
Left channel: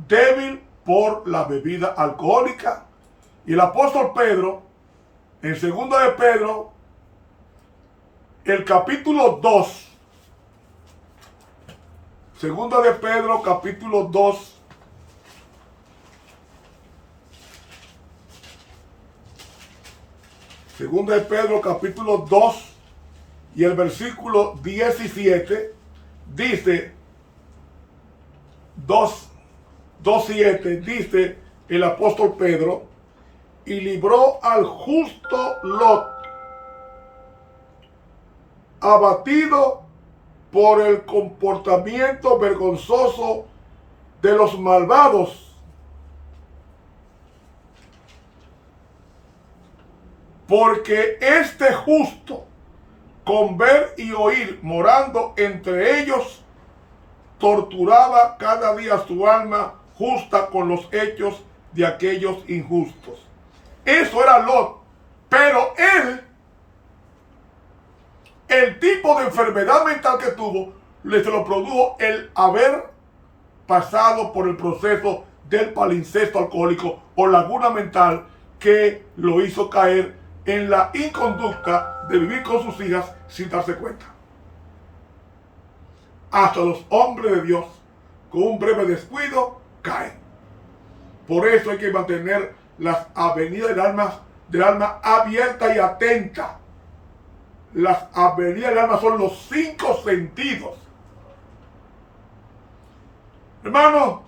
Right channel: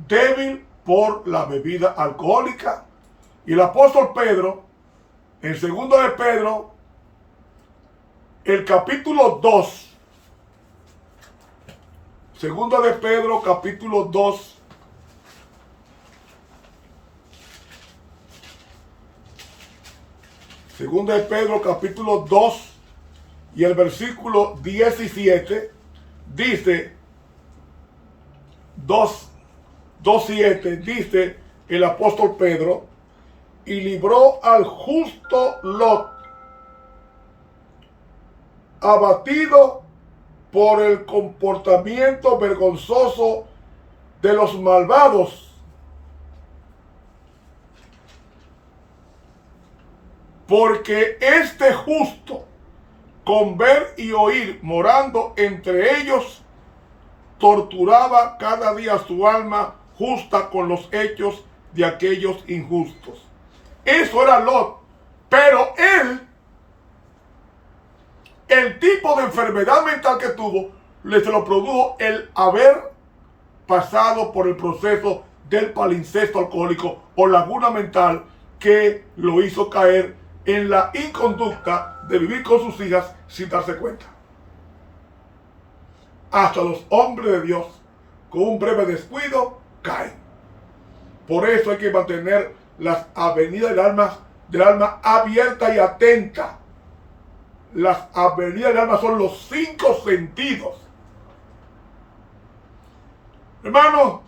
Débil por la bebida alcohólica. Y el apóstol Pedro, en 2 de Pedro, el capítulo 2, 2 de Pedro, capítulo 2, Segunda de Pedro, capítulo 2, y el versículo 17, dice, 2:7, dice el apóstol Pedro, y libró al justo Lot, abatido por el comportamiento vergonzoso de los malvados, porque este justo, con ver y oír, morando entre ellos, torturaba cada día su alma justa con los hechos de aquellos injustos. Eso era Lot. Pero él, el tipo de enfermedad mental que tuvo, se lo produjo el haber pasado por el proceso del palincesto alcohólico o laguna mental, que lo hizo caer en la inconducta de vivir con sus hijas sin darse cuenta. Hasta los hombres de Dios, con un breve descuido, caen. Por eso hay que mantener las avenidas del alma abiertas y atentas. Las avenidas del alma son los 5 sentidos. Hermano,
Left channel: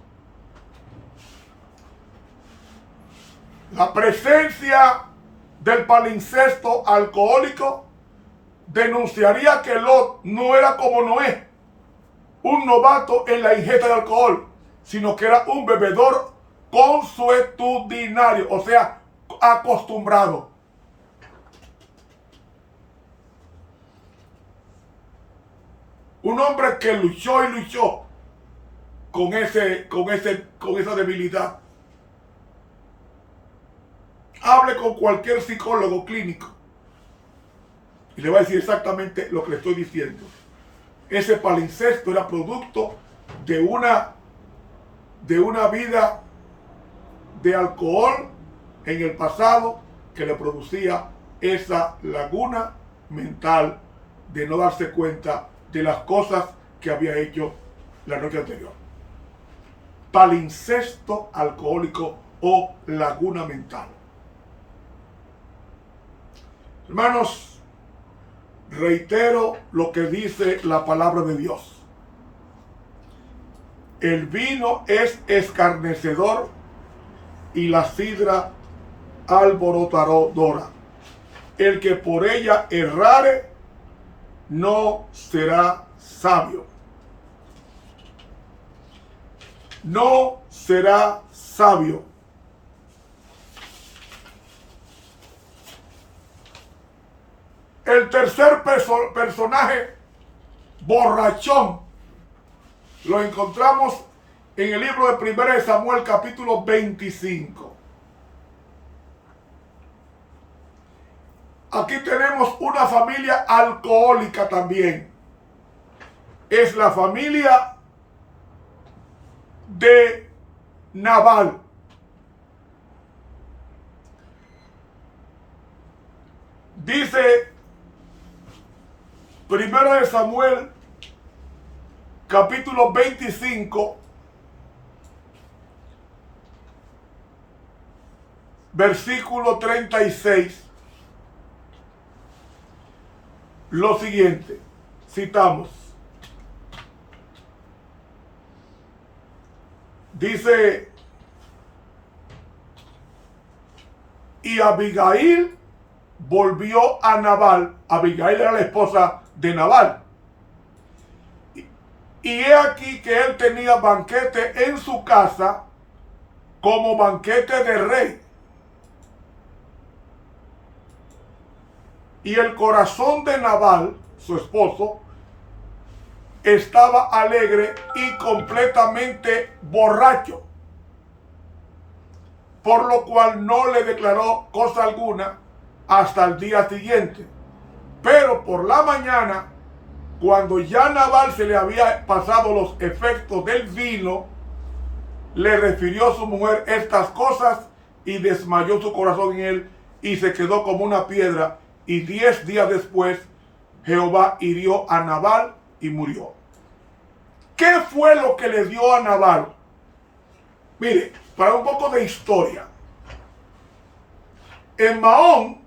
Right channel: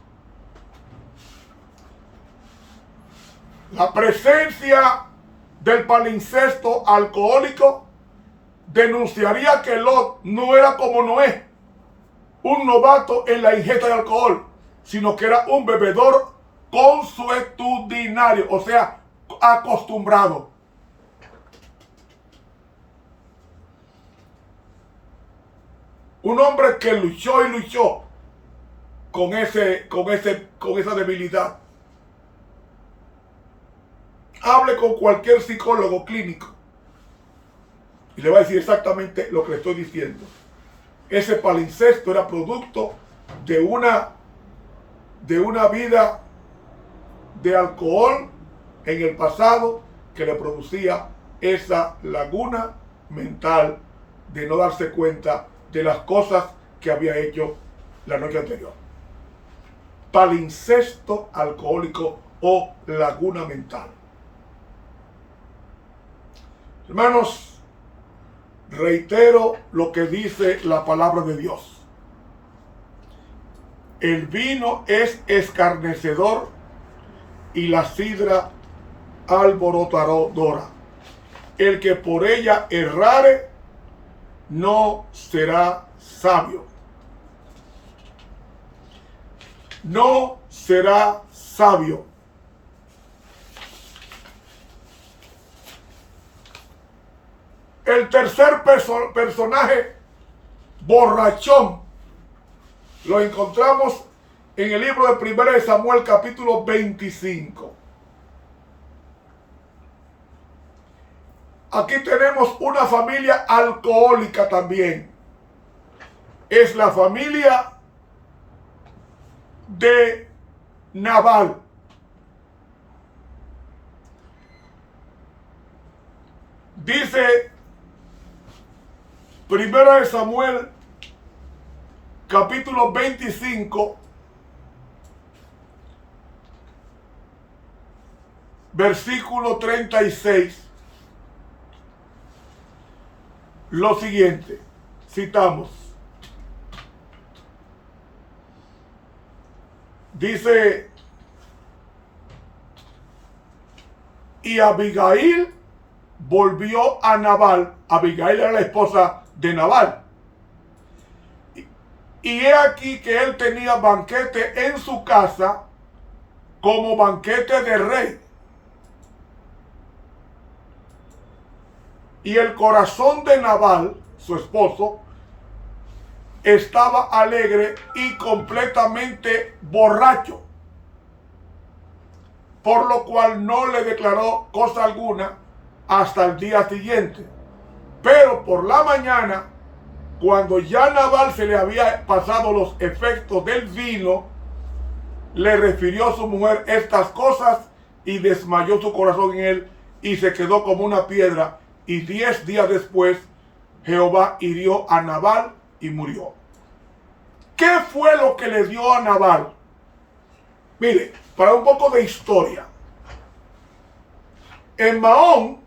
la presencia del palincesto alcohólico denunciaría que Lot no era como Noé, un novato en la ingesta de alcohol, sino que era un bebedor consuetudinario, o sea, acostumbrado. Un hombre que luchó con esa debilidad. Hable con cualquier psicólogo clínico y le va a decir exactamente lo que le estoy diciendo. Ese palincesto era producto de una vida de alcohol en el pasado que le producía esa laguna mental de no darse cuenta de las cosas que había hecho la noche anterior. Palincesto alcohólico o laguna mental. Hermanos, reitero lo que dice la palabra de Dios. El vino es escarnecedor y la sidra alborotadora. El que por ella errare no será sabio. No será sabio. El tercer personaje borrachón lo encontramos en el libro de 1 Samuel capítulo 25. Aquí tenemos una familia alcohólica también. Es la familia de Nabal. Dice 1 Samuel capítulo 25 versículo 36 lo siguiente, citamos. Dice: y Abigail volvió a Nabal. Abigail era la esposa de Nabal. Y he aquí que él tenía banquete en su casa como banquete de rey. Y el corazón de Nabal, su esposo, estaba alegre y completamente borracho, por lo cual no le declaró cosa alguna hasta el día siguiente. Pero por la mañana, cuando ya Nabal se le había pasado los efectos del vino, le refirió a su mujer estas cosas y desmayó su corazón en él y se quedó como una piedra. Y 10 días después, Jehová hirió a Nabal y murió. ¿Qué fue lo que le dio a Nabal? Mire, para un poco de historia. En Mahón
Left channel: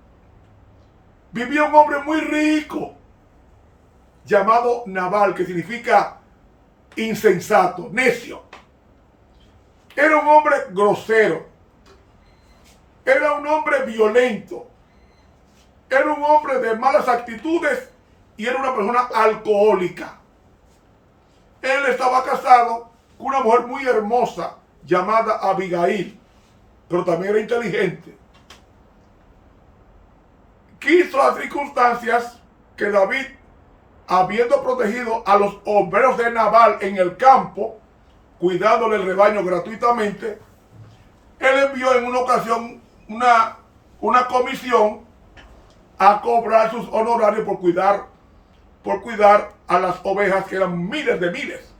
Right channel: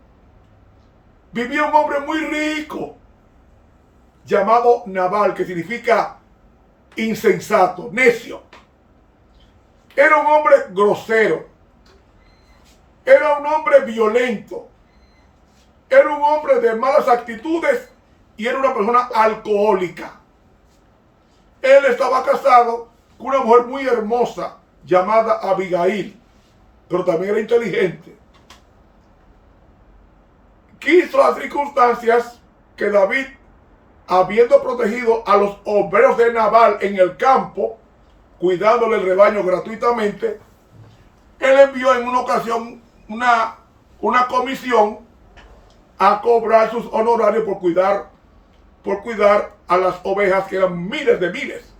vivía un hombre muy rico llamado Nabal, que significa insensato, necio. Era un hombre grosero. Era un hombre violento. Era un hombre de malas actitudes y era una persona alcohólica. Él estaba casado con una mujer muy hermosa llamada Abigail, pero también era inteligente. Quiso las circunstancias que David, habiendo protegido a los obreros de Nabal en el campo, cuidándole el rebaño gratuitamente, él envió en una ocasión una comisión a cobrar sus honorarios por cuidar a las ovejas, que eran miles de miles.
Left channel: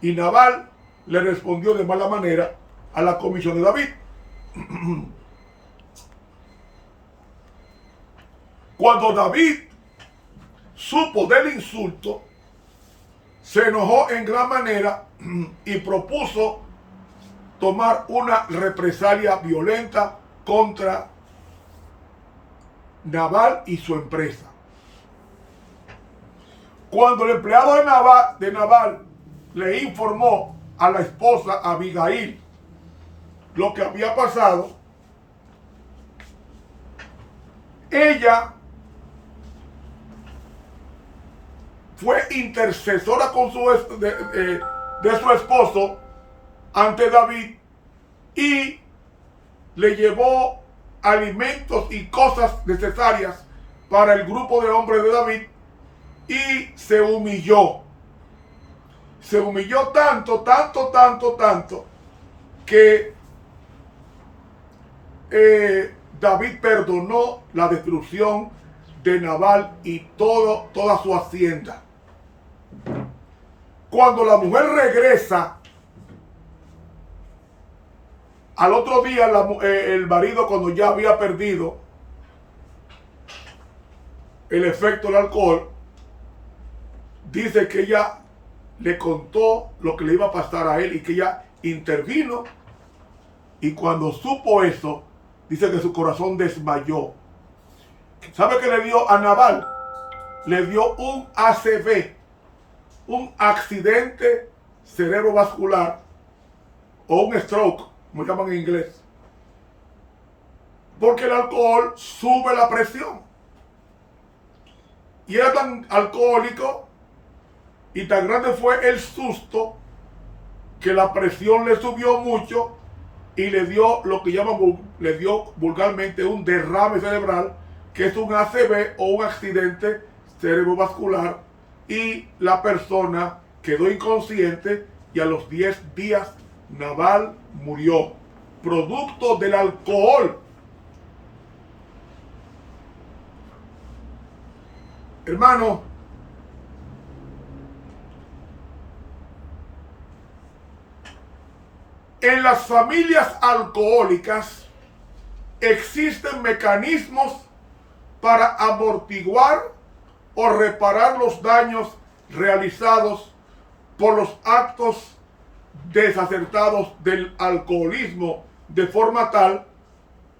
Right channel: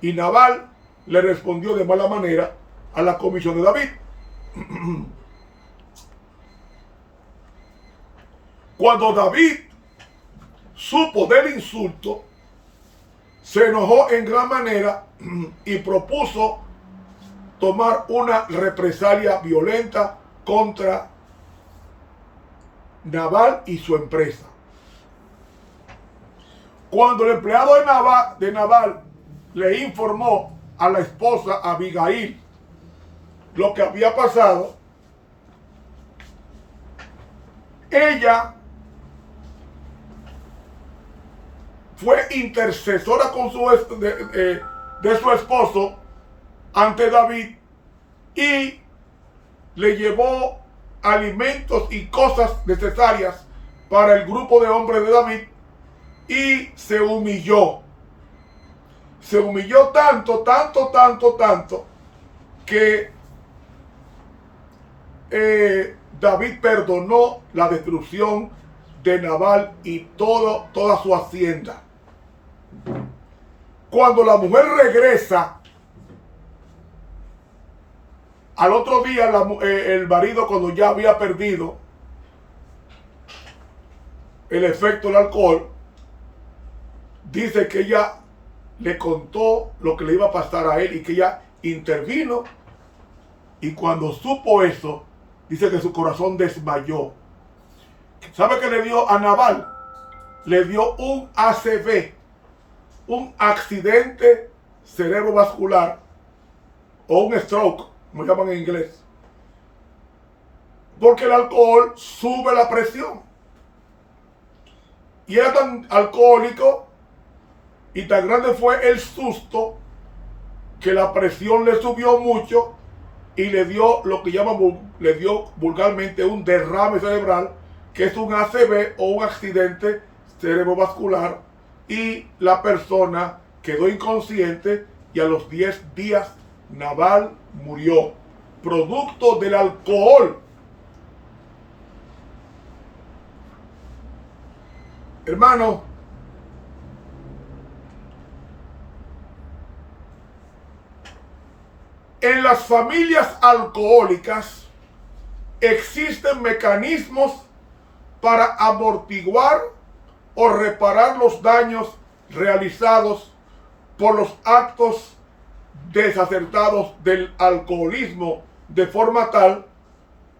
Y Nabal le respondió de mala manera a la comisión de David. Cuando David supo del insulto, se enojó en gran manera y propuso tomar una represalia violenta contra Nabal y su empresa. Cuando el empleado de Nabal le informó a la esposa Abigail lo que había pasado, ella fue intercesora con de su esposo ante David y le llevó alimentos y cosas necesarias para el grupo de hombres de David y se humilló. Se humilló tanto que David perdonó la destrucción de Nabal y toda su hacienda. Cuando la mujer regresa, al otro día el marido, cuando ya había perdido el efecto del alcohol, dice que ella le contó lo que le iba a pasar a él y que ella intervino, y cuando supo eso, dice que su corazón desmayó. ¿Sabe qué le dio a Nabal? Le dio un ACV, un accidente cerebrovascular, o un stroke, como llaman en inglés. Porque el alcohol sube la presión. Y era tan alcohólico y tan grande fue el susto que la presión le subió mucho y le dio lo que le dio vulgarmente un derrame cerebral, que es un ACV o un accidente cerebrovascular, y la persona quedó inconsciente y a los 10 días Nabal murió, producto del alcohol. Hermano, en las familias alcohólicas existen mecanismos para amortiguar o reparar los daños realizados por los actos desacertados del alcoholismo, de forma tal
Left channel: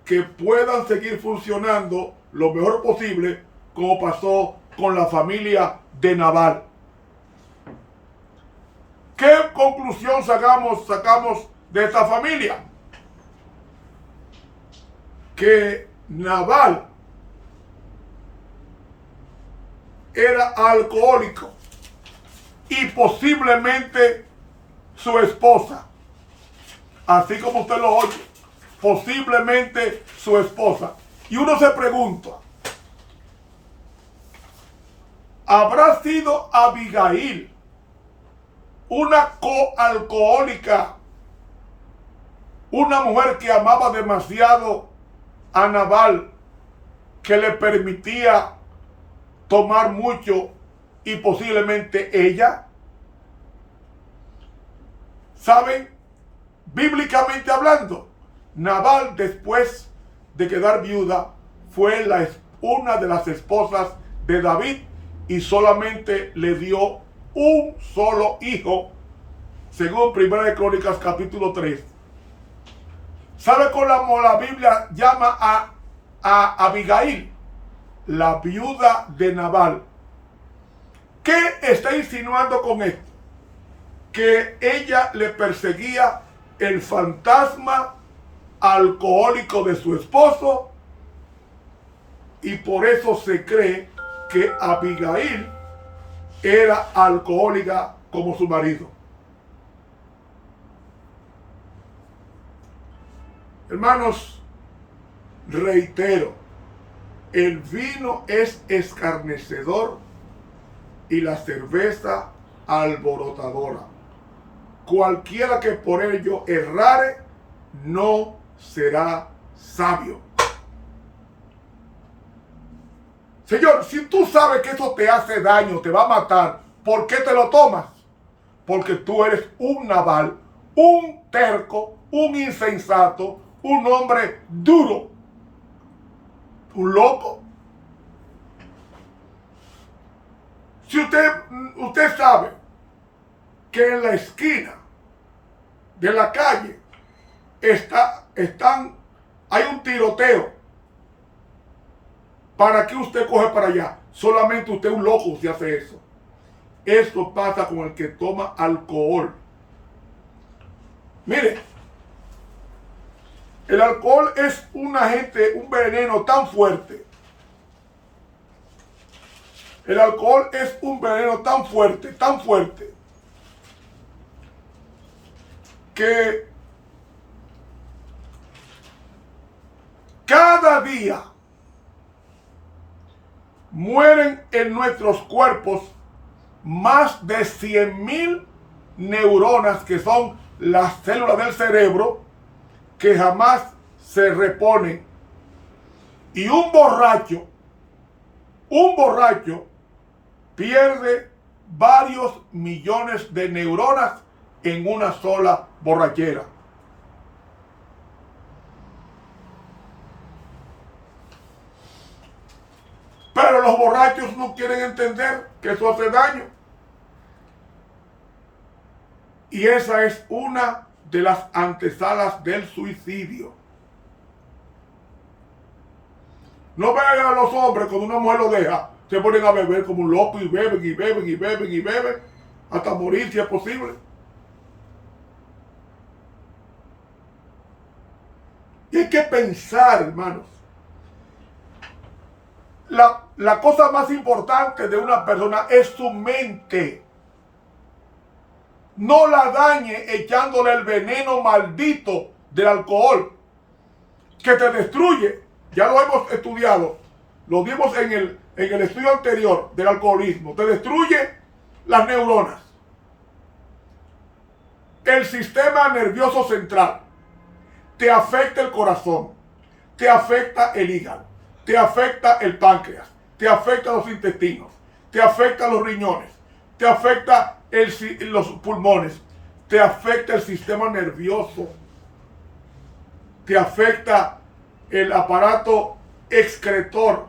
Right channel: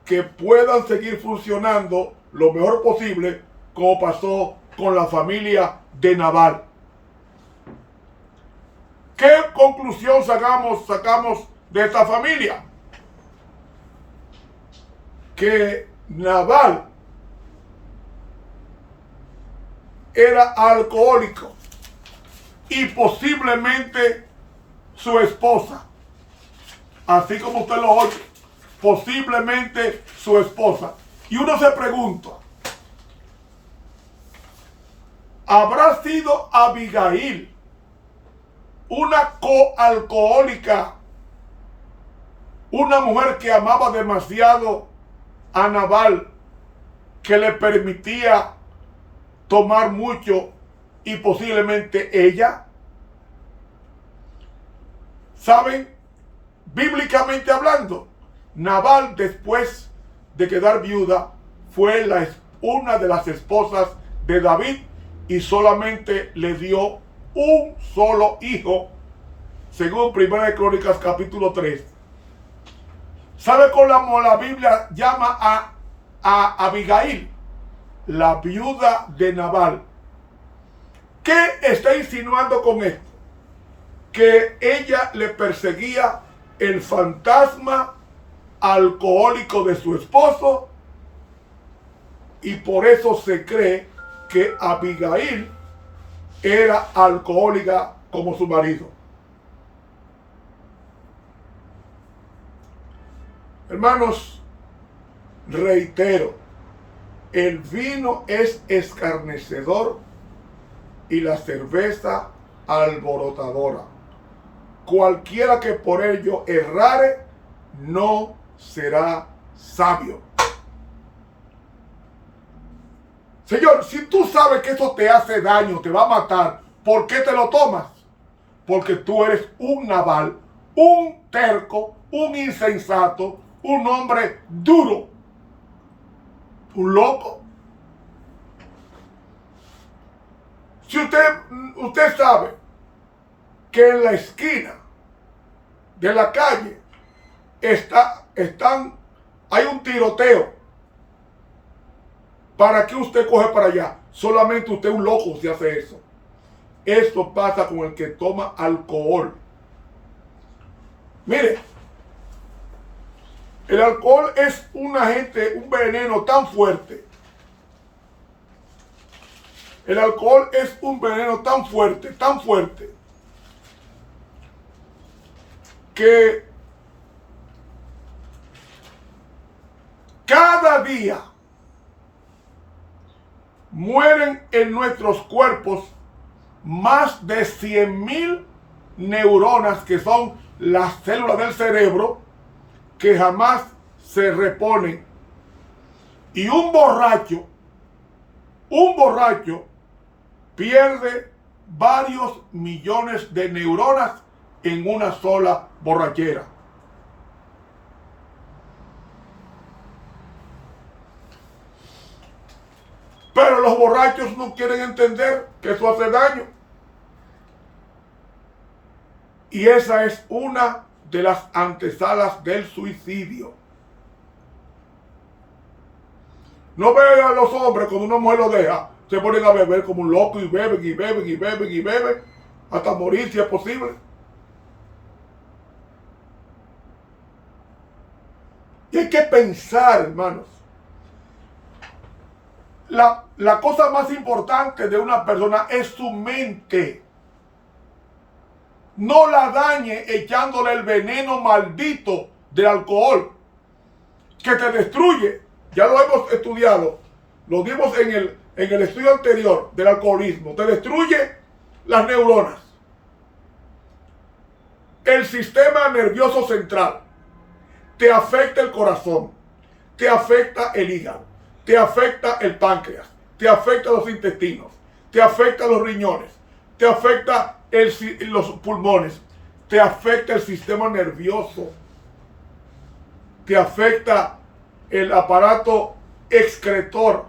que puedan seguir funcionando lo mejor posible, como pasó con la familia de Nabal. ¿Qué conclusión sacamos de esta familia? Que Nabal era alcohólico y posiblemente su esposa, así como usted lo oye, posiblemente su esposa. Y uno se pregunta, ¿habrá sido Abigail una coalcohólica, una mujer que amaba demasiado a Nabal, que le permitía tomar mucho y posiblemente ella? ¿Saben? Bíblicamente hablando, Nabal, después de quedar viuda, fue una de las esposas de David y solamente le dio un solo hijo, según 1 Crónicas capítulo 3. ¿Sabe cómo la Biblia llama a Abigail? La viuda de Nabal. ¿Qué está insinuando con esto? Que ella le perseguía el fantasma alcohólico de su esposo, y por eso se cree que Abigail era alcohólica como su marido. Hermanos, reitero, el vino es escarnecedor y la cerveza alborotadora. Cualquiera que por ello errare no será sabio. Señor, si tú sabes que eso te hace daño, te va a matar, ¿por qué te lo tomas? Porque tú eres un Nabal, un terco, un insensato, un hombre duro, un loco. Si usted sabe que en la esquina de la calle hay un tiroteo, ¿para qué usted coge para allá? Solamente usted es un loco si hace eso. Esto pasa con el que toma alcohol. Mire, el alcohol es un veneno tan fuerte. El alcohol es un veneno tan fuerte, que cada día mueren en nuestros cuerpos más de 100,000 neuronas, que son las células del cerebro que jamás se reponen. Y un borracho pierde varios millones de neuronas en una sola borrachera. Pero los borrachos no quieren entender que eso hace daño. Y esa es una de las antesalas del suicidio. No vean a los hombres cuando una mujer lo deja, se ponen a beber como un loco y beben y beben y beben y beben hasta morir si es posible. Y hay que pensar, hermanos. La cosa más importante de una persona es su mente. No la dañe echándole el veneno maldito del alcohol, que te destruye. Ya lo hemos estudiado, lo dimos en el estudio anterior del alcoholismo. Te destruye las neuronas, el sistema nervioso central, te afecta el corazón, te afecta el hígado, te afecta el páncreas, te afecta los intestinos, te afecta los riñones, te afecta los pulmones, te afecta el sistema nervioso, te afecta el aparato excretor,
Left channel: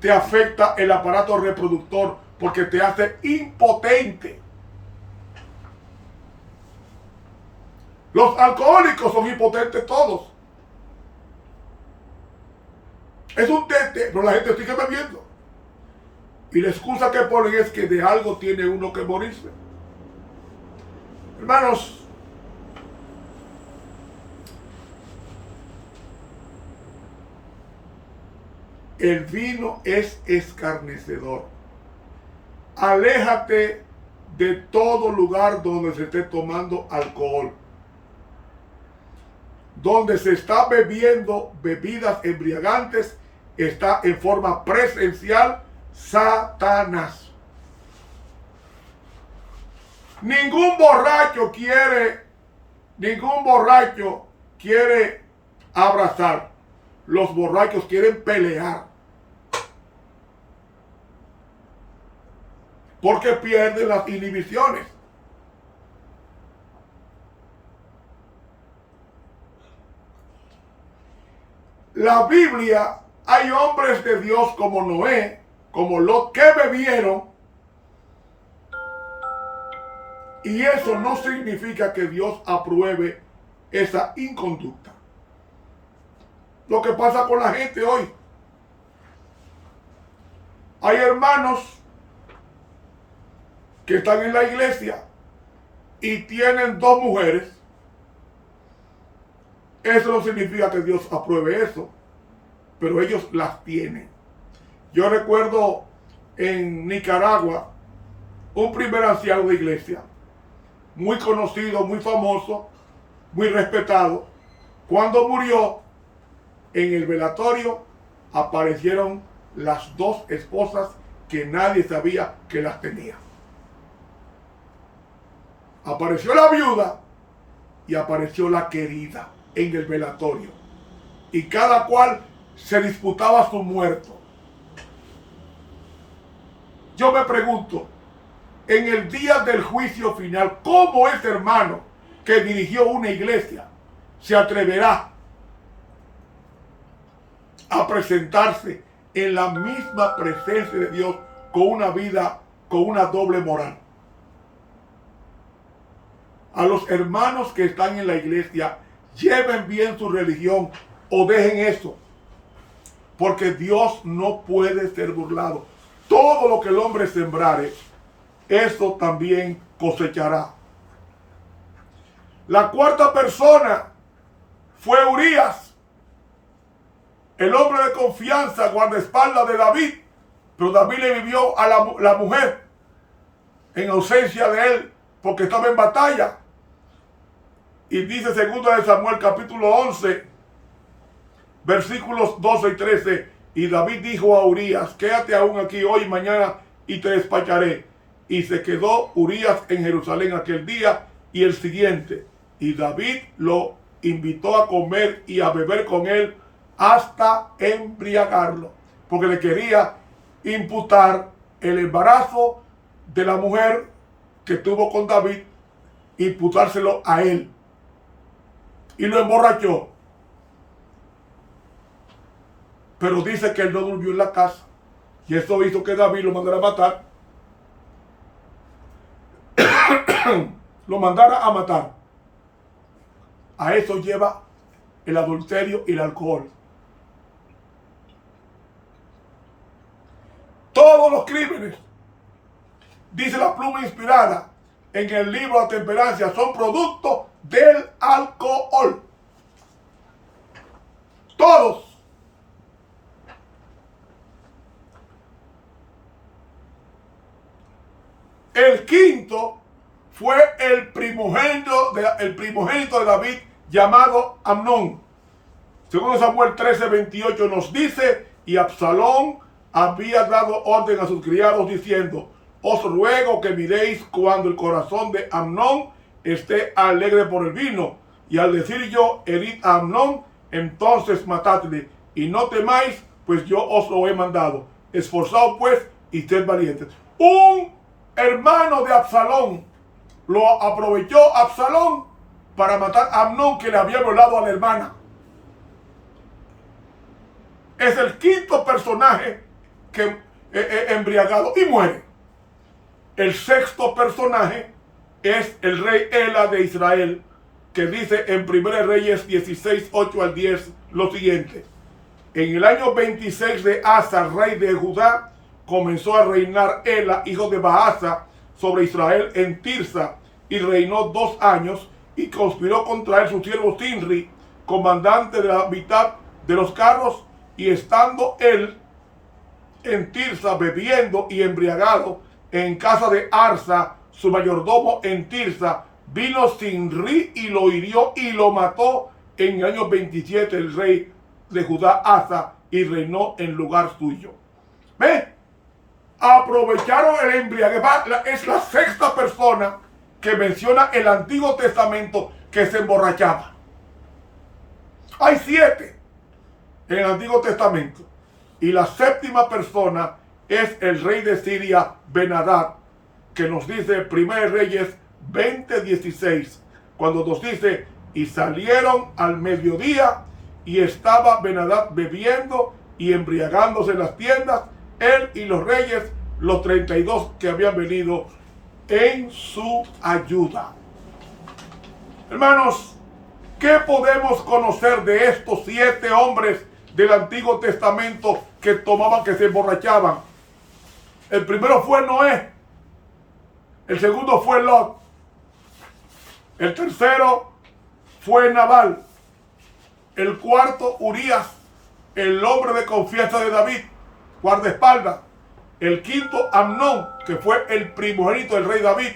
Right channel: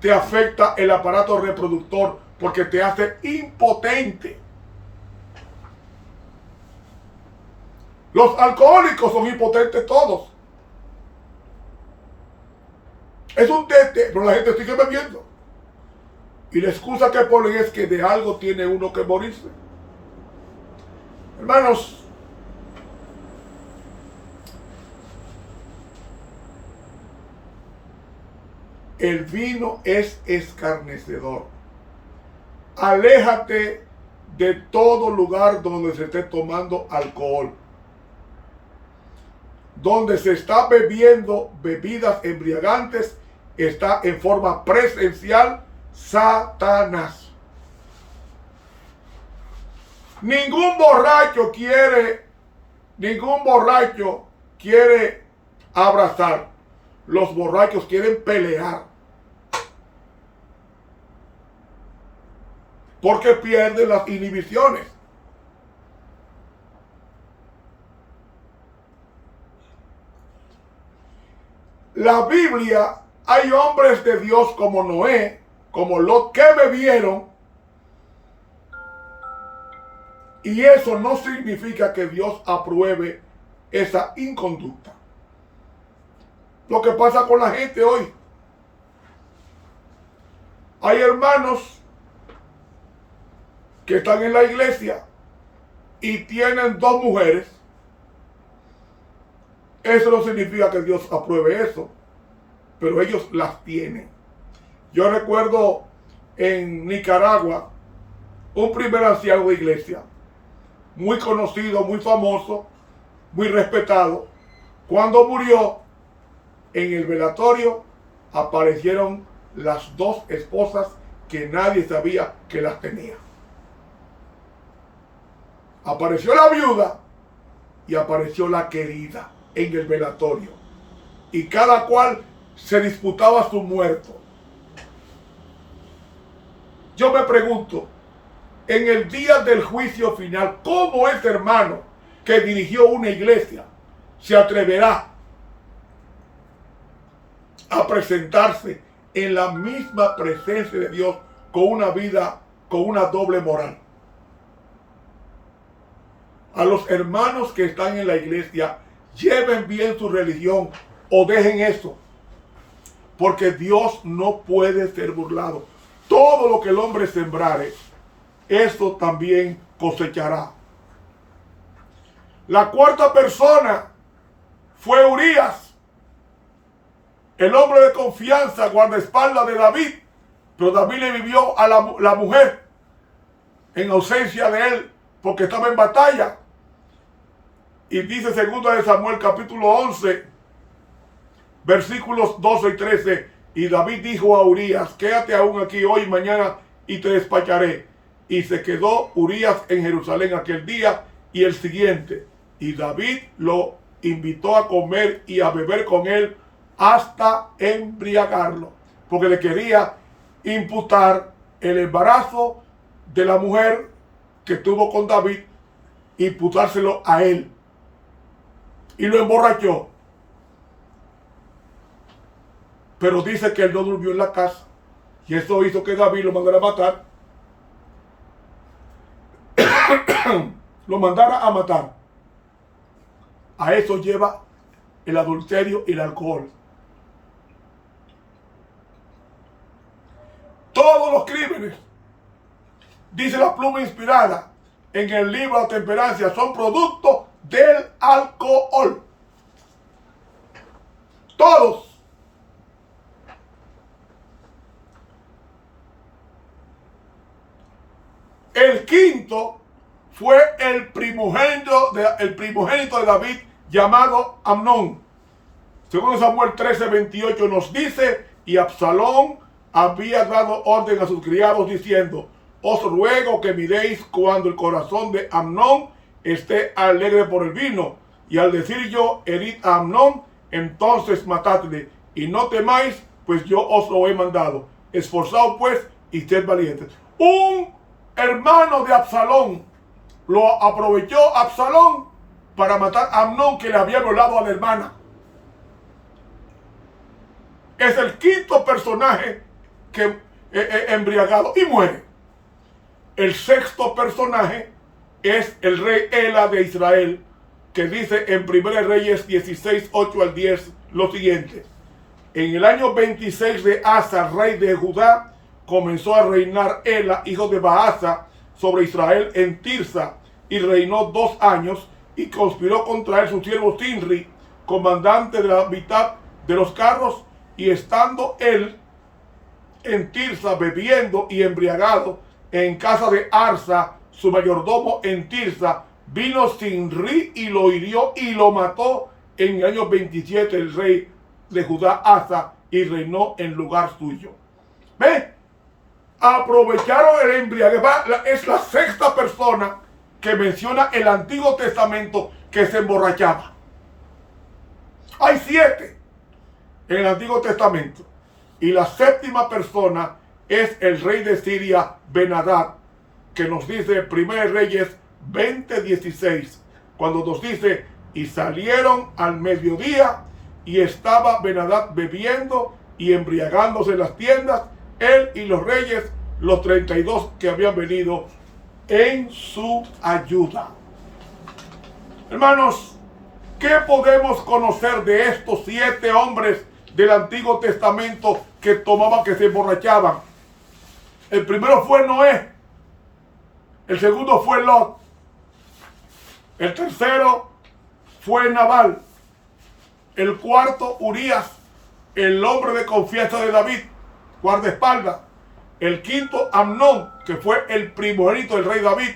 te afecta el aparato reproductor, porque te hace impotente. Los alcohólicos son impotentes todos. Es un tete, pero la gente sigue bebiendo. Y la excusa que ponen es que de algo tiene uno que morirse. Hermanos, el vino es escarnecedor. Aléjate de todo lugar donde se esté tomando alcohol, donde se está bebiendo bebidas embriagantes, está en forma presencial Satanás. Ningún borracho quiere abrazar. Los borrachos quieren pelear, porque pierden las inhibiciones. La Biblia, hay hombres de Dios como Noé, como Lot, que bebieron, y eso no significa que Dios apruebe esa inconducta. Lo que pasa con la gente hoy, hay hermanos que están en la iglesia y tienen 2 mujeres. Eso no significa que Dios apruebe eso, pero ellos las tienen. Yo recuerdo en Nicaragua un primer anciano de iglesia, muy conocido, muy famoso, muy respetado. Cuando murió, en el velatorio aparecieron las 2 esposas que nadie sabía que las tenía. Apareció la viuda y apareció la querida en el velatorio, y cada cual se disputaba su muerto. Yo me pregunto, en el día del juicio final, ¿cómo ese hermano que dirigió una iglesia se atreverá a presentarse en la misma presencia de Dios con una vida, con una doble moral? A los hermanos que están en la iglesia, lleven bien su religión o dejen eso, porque Dios no puede ser burlado. Todo lo que el hombre sembrare, esto también cosechará. La 4ª persona fue Urías, el hombre de confianza, guardaespaldas de David, pero David le vivió a la mujer en ausencia de él porque estaba en batalla. Y dice 2 Samuel capítulo 11, versículos 12 y 13, y David dijo a Urías, quédate aún aquí hoy y mañana y te despacharé. Y se quedó Urías en Jerusalén aquel día y el siguiente, y David lo invitó a comer y a beber con él hasta embriagarlo, porque le quería imputar el embarazo de la mujer que tuvo con David, imputárselo a él, y lo emborrachó. Pero dice que él no durmió en la casa, y eso hizo que David lo mandara a matar. Lo mandara a matar. A eso lleva el adulterio y el alcohol. Todos los crímenes, dice la pluma inspirada en el libro de la temperancia, son producto del alcohol. Todos. El quinto fue el primogénito de David, llamado Amnón. Según Samuel 13:28 nos dice, y Absalón había dado orden a sus criados diciendo, os ruego que miréis cuando el corazón de Amnón esté alegre por el vino, y al decir yo, herid a Amnón, entonces matadle, y no temáis, pues yo os lo he mandado. Esforzaos pues y sed valientes. Un hermano de Absalón lo aprovechó Absalón para matar a Amnón, que le había violado a la hermana. Es el quinto personaje que embriagado y muere. El sexto personaje es el rey Ela de Israel, que dice en 1 Reyes 16, 8 al 10 lo siguiente. En el año 26 de Asa, rey de Judá, comenzó a reinar Ela, hijo de Baasa, sobre Israel en Tirsa, y reinó 2 años, y conspiró contra él su siervo Sinri, comandante de la mitad de los carros, y estando él en Tirsa bebiendo y embriagado, en casa de Arsa, su mayordomo en Tirsa, vino Sinri y lo hirió y lo mató en el año 27 el rey de Judá, Asa, y reinó en lugar suyo. ¿Ve? Aprovecharon el embriague. Es la sexta persona que menciona el Antiguo Testamento que se emborrachaba. Hay 7 en el Antiguo Testamento. Y la séptima persona es el rey de Siria, Ben-Hadad, que nos dice 1 Reyes 20:16, cuando nos dice: y salieron al mediodía, y estaba Ben-Hadad bebiendo y embriagándose en las tiendas, él y los reyes, los 32 que habían venido en su ayuda. Hermanos, ¿qué podemos conocer de estos 7 hombres del Antiguo Testamento que tomaban, que se emborrachaban? El primero fue Noé. El segundo fue Lot. El tercero fue Nabal. El cuarto, Urías, el hombre de confianza de David, guardaespaldas. El quinto, Amnón, que fue el primogénito del rey David.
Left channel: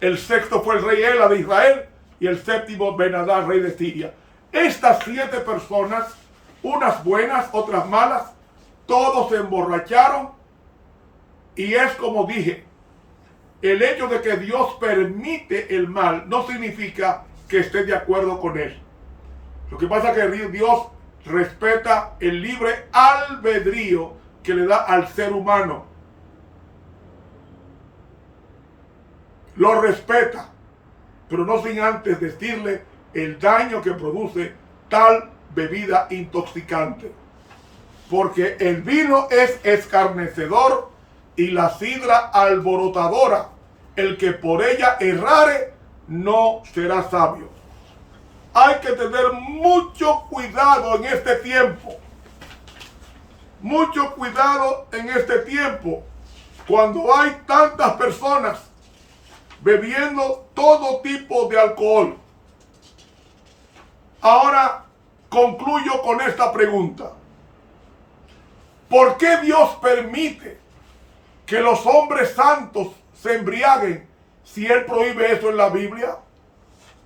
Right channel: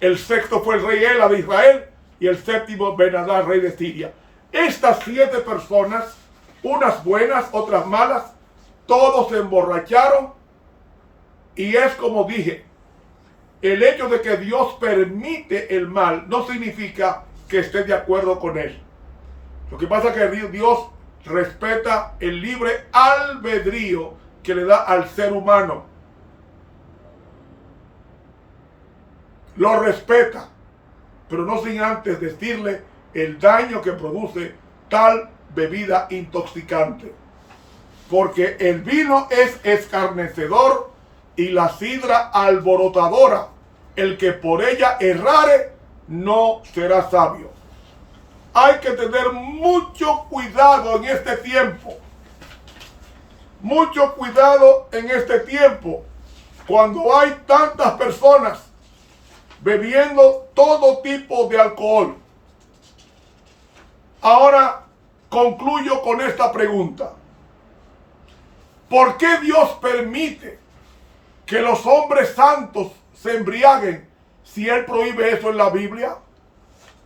El sexto fue el rey Ela de Israel. Y el séptimo, Ben-Hadad, rey de Siria. Estas 7 personas, unas buenas, otras malas, todos se emborracharon. Y es como dije, el hecho de que Dios permite el mal no significa que esté de acuerdo con él. Lo que pasa es que Dios respeta el libre albedrío que le da al ser humano. Lo respeta, pero no sin antes decirle el daño que produce tal bebida intoxicante. Porque el vino es escarnecedor y la sidra alborotadora. El que por ella errare no será sabio. Hay que tener mucho cuidado en este tiempo. Mucho cuidado en este tiempo. Cuando hay tantas personas bebiendo todo tipo de alcohol. Ahora concluyo con esta pregunta. ¿Por qué Dios permite que los hombres santos se embriaguen si Él prohíbe eso en la Biblia?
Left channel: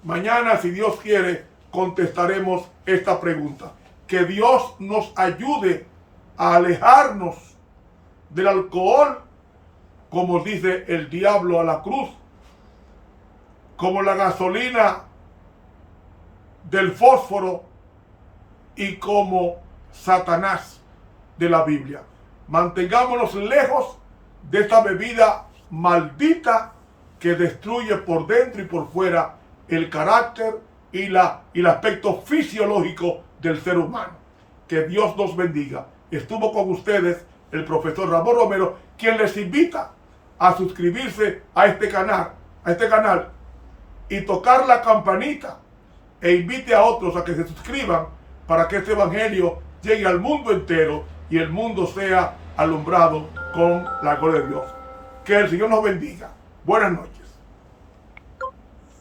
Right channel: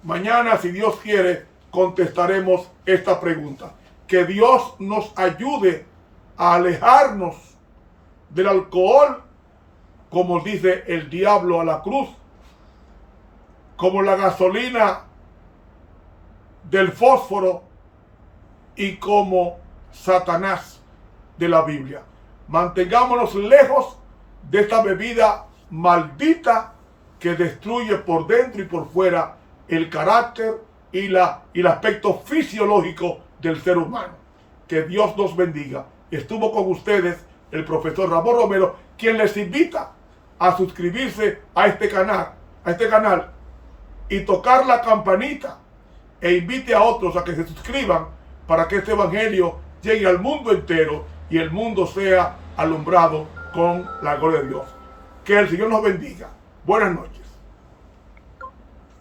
Mañana, si Dios quiere, contestaremos esta pregunta. Que Dios nos ayude a alejarnos del alcohol, como dice el diablo a la cruz, como la gasolina del fósforo y como Satanás de la Biblia. Mantengámonos lejos de esta bebida maldita que destruye por dentro y por fuera el carácter y el aspecto fisiológico del ser humano. Que Dios nos bendiga. Estuvo con ustedes el profesor Ramón Romero, quien les invita a suscribirse a este canal y tocar la campanita e invite a otros a que se suscriban para que este evangelio llegue al mundo entero y el mundo sea alumbrado con la gloria de Dios. Que el Señor nos bendiga. Buenas noches.